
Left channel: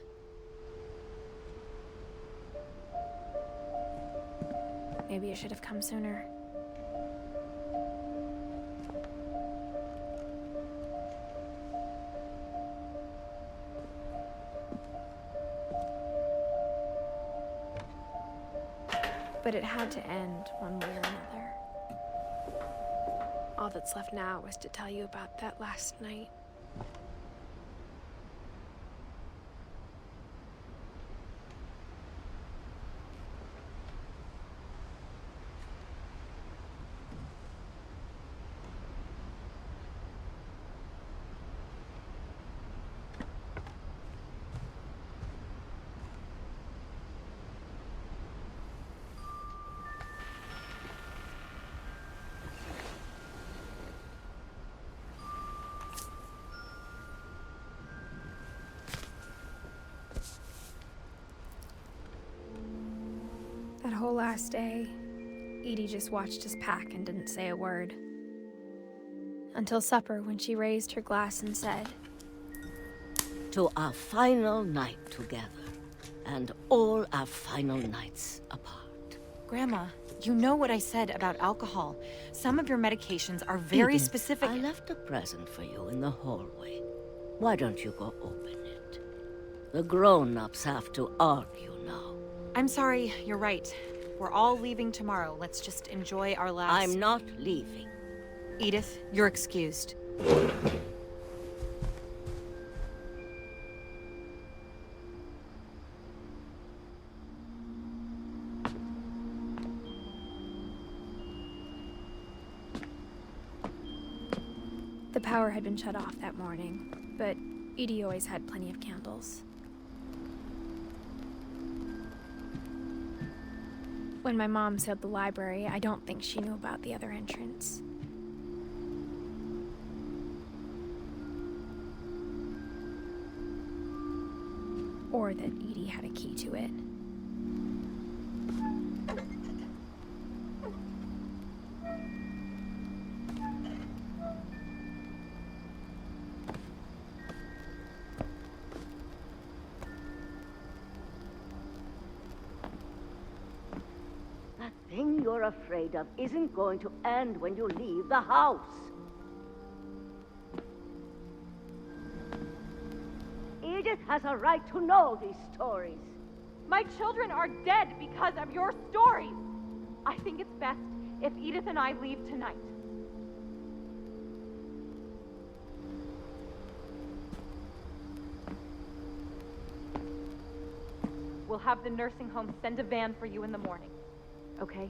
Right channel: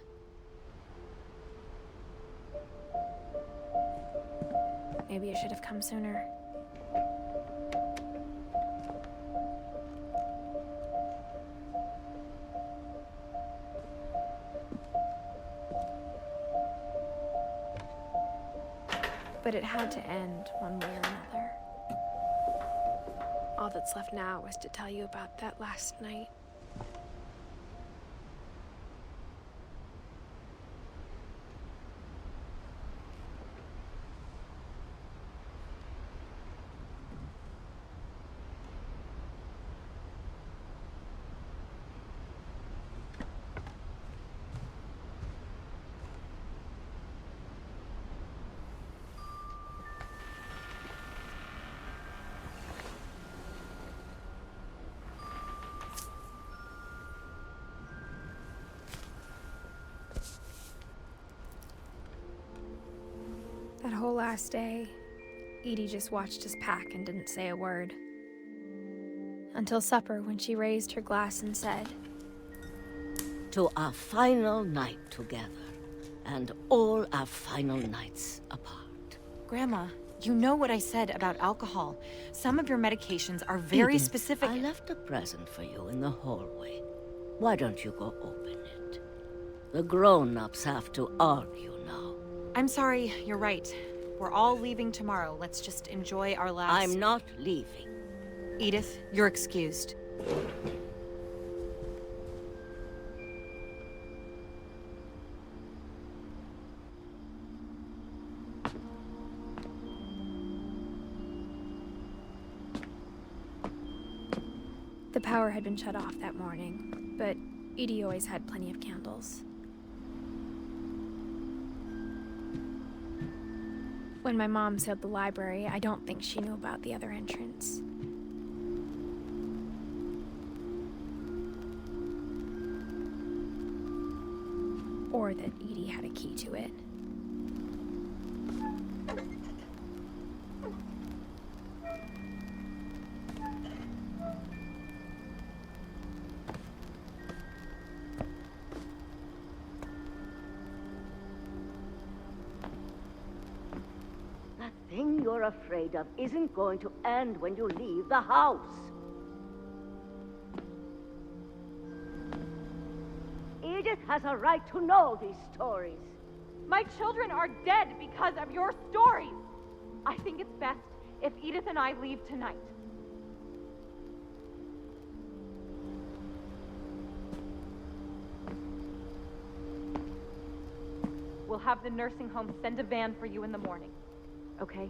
Maybe it should have come sooner. But it had to end one way or another. All that's left now was to tell you about that last night. That whole last day, Edie just watched us pack and didn't say a word. Until supper, when she raised her glass and said, "To our final night together, and all our final nights apart." Grandma, you know what I said about alcohol. Some of your medications are very Edith, specific. I left a present for you in the hallway. Why don't you go open it? The grown-ups have to argue now. I'm sorry, you're right. We're all leaving tomorrow. Let's just enjoy our last... I'm not leaving. Edith, you're excused. The power had been shut off that morning, but Edie always had plenty of candles. When my mom sealed the library, I don't think she knew about the other entrance. Or that Edie had a key to it. That thing you're afraid of isn't going to end when you leave the house. has a right to know these stories. My children are dead because of your stories. I think it's best if Edith and I leave tonight. We'll have the nursing home send a van for you in the morning, okay?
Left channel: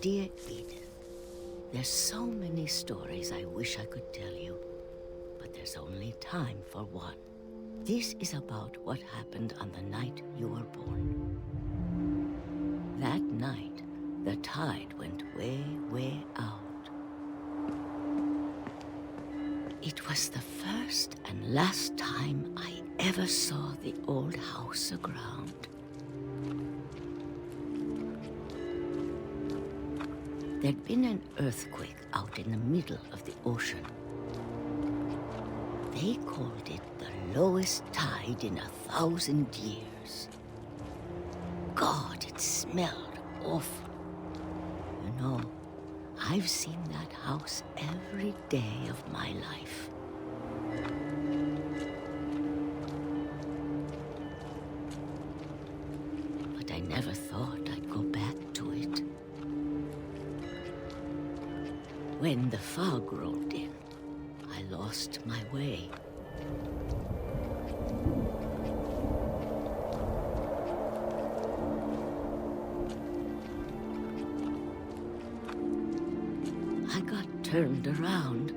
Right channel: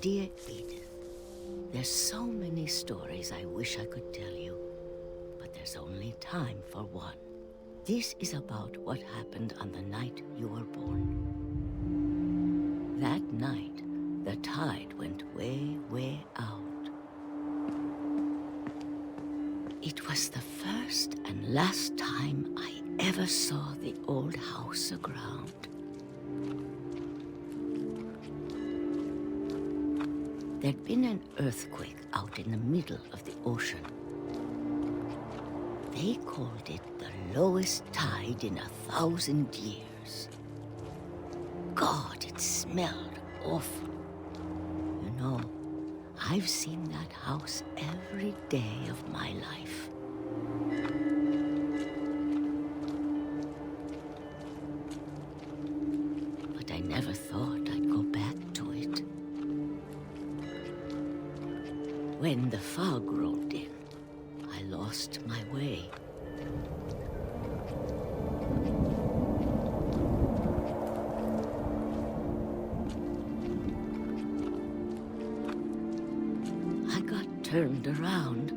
Dear Edith, there's so many stories I wish I could tell you, but there's only time for one. This is about what happened on the night you were born. That night, the tide went way, way out. It was the first and last time I ever saw the old house aground. There'd been an earthquake out in the middle of the ocean. They called it the lowest tide in 1,000 years. God, it smelled awful. You know, I've seen that house every day of my life. But I never thought I'd go back to it. When the fog rolled in, I lost my way. I got turned around.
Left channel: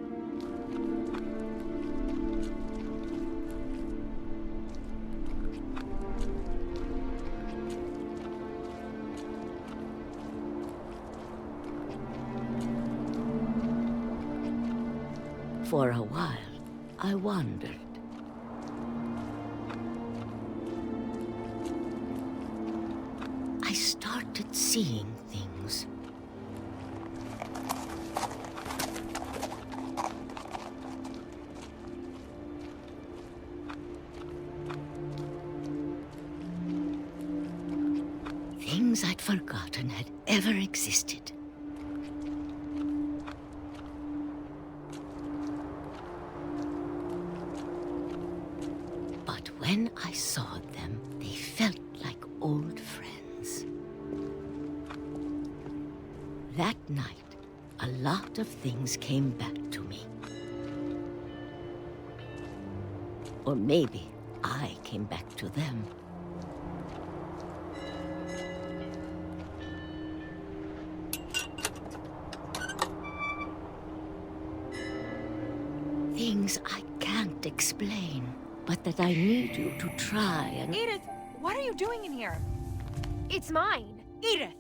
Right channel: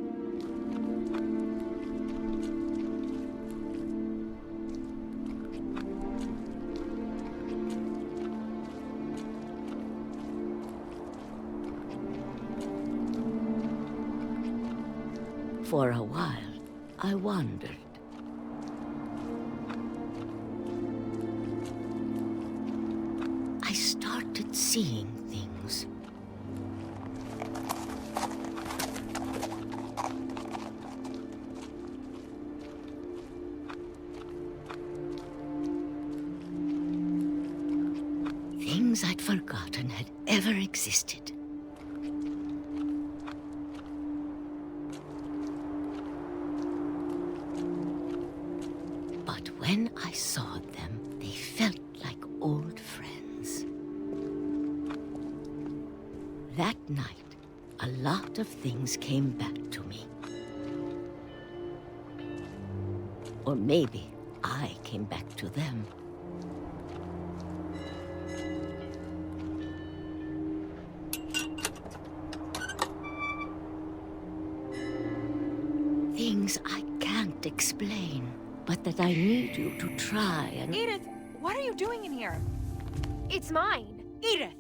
For a while, I wandered. I started seeing things. Things I'd forgotten had ever existed. But when I saw them, they felt like old friends. That night, a lot of things came back to me. Or maybe I came back to them. Things I can't explain, but that I need you to try and... Edith, what are you doing in here? It's mine. Edith!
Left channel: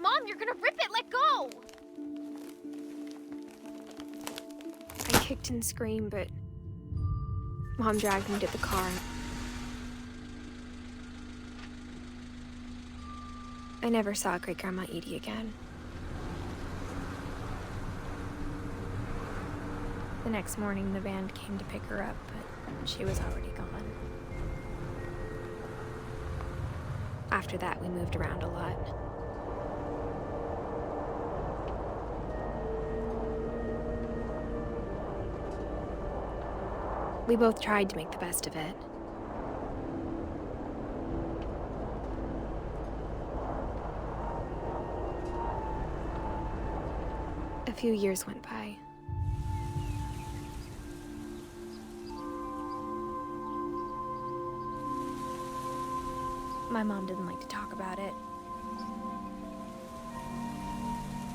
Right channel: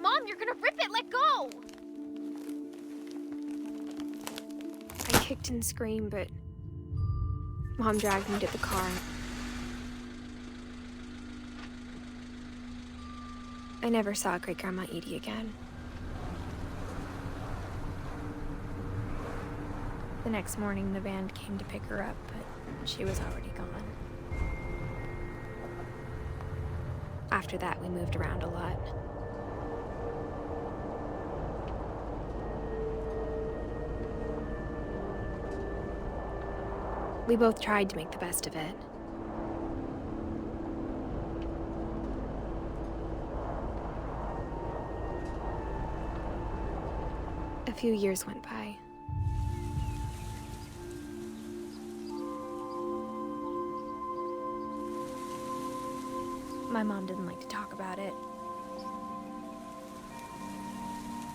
Mom, you're gonna rip it! Let go! I kicked and screamed, but Mom dragged me to the car. I never saw Great-Grandma Edie again. The next morning, the van came to pick her up, but she was already gone. After that, we moved around a lot. We both tried to make the best of it. A few years went by. My mom didn't like to talk about it.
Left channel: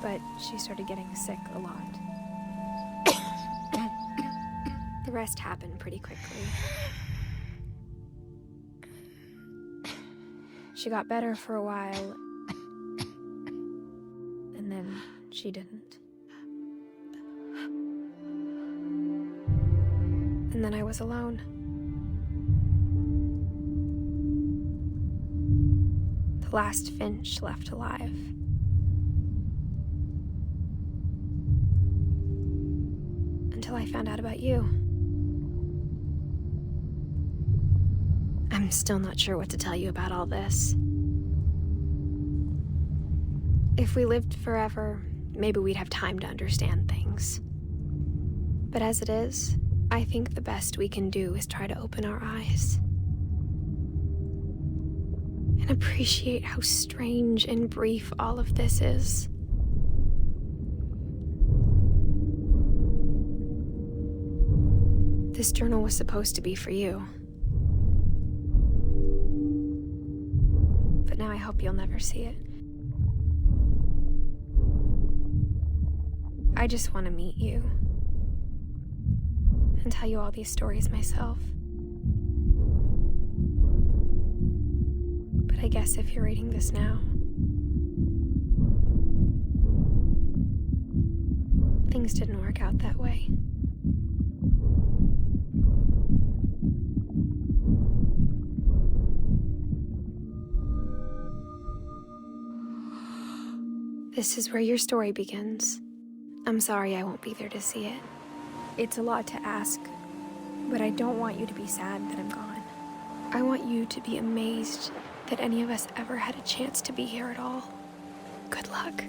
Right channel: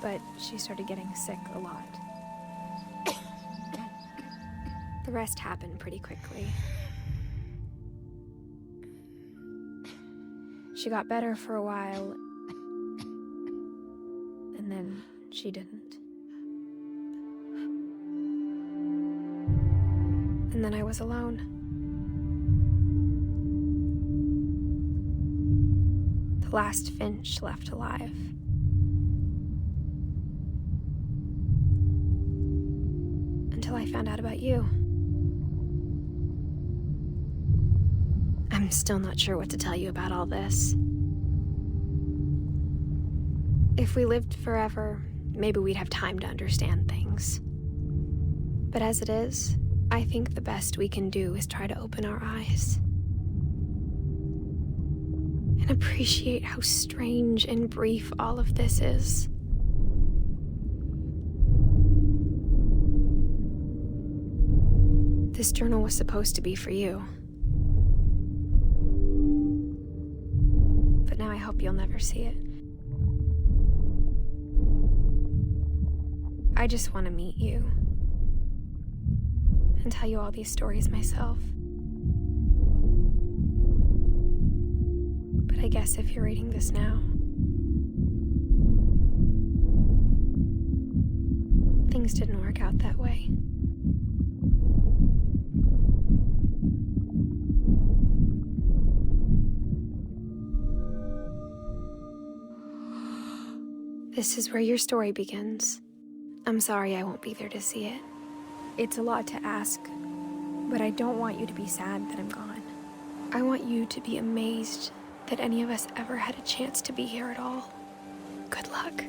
But she started getting sick a lot. The rest happened pretty quickly. She got better for a while, and then she didn't. And then I was alone. The last Finch left alive. Until I found out about you. I'm still not sure what to tell you about all this. If we lived forever, maybe we'd have time to understand things. But as it is, I think the best we can do is try to open our eyes. And appreciate how strange and brief all of this is. This journal was supposed to be for you. But now I hope you'll never see it. I just want to meet you and tell you all these stories myself. But I guess if you're reading this now, things didn't work out that way. This is where your story begins. I'm sorry I won't be there to see it. It's a lot to ask, but I don't want you to be sad that I'm gone. I want you to be amazed that any of us ever had a chance to be here at all. Good luck.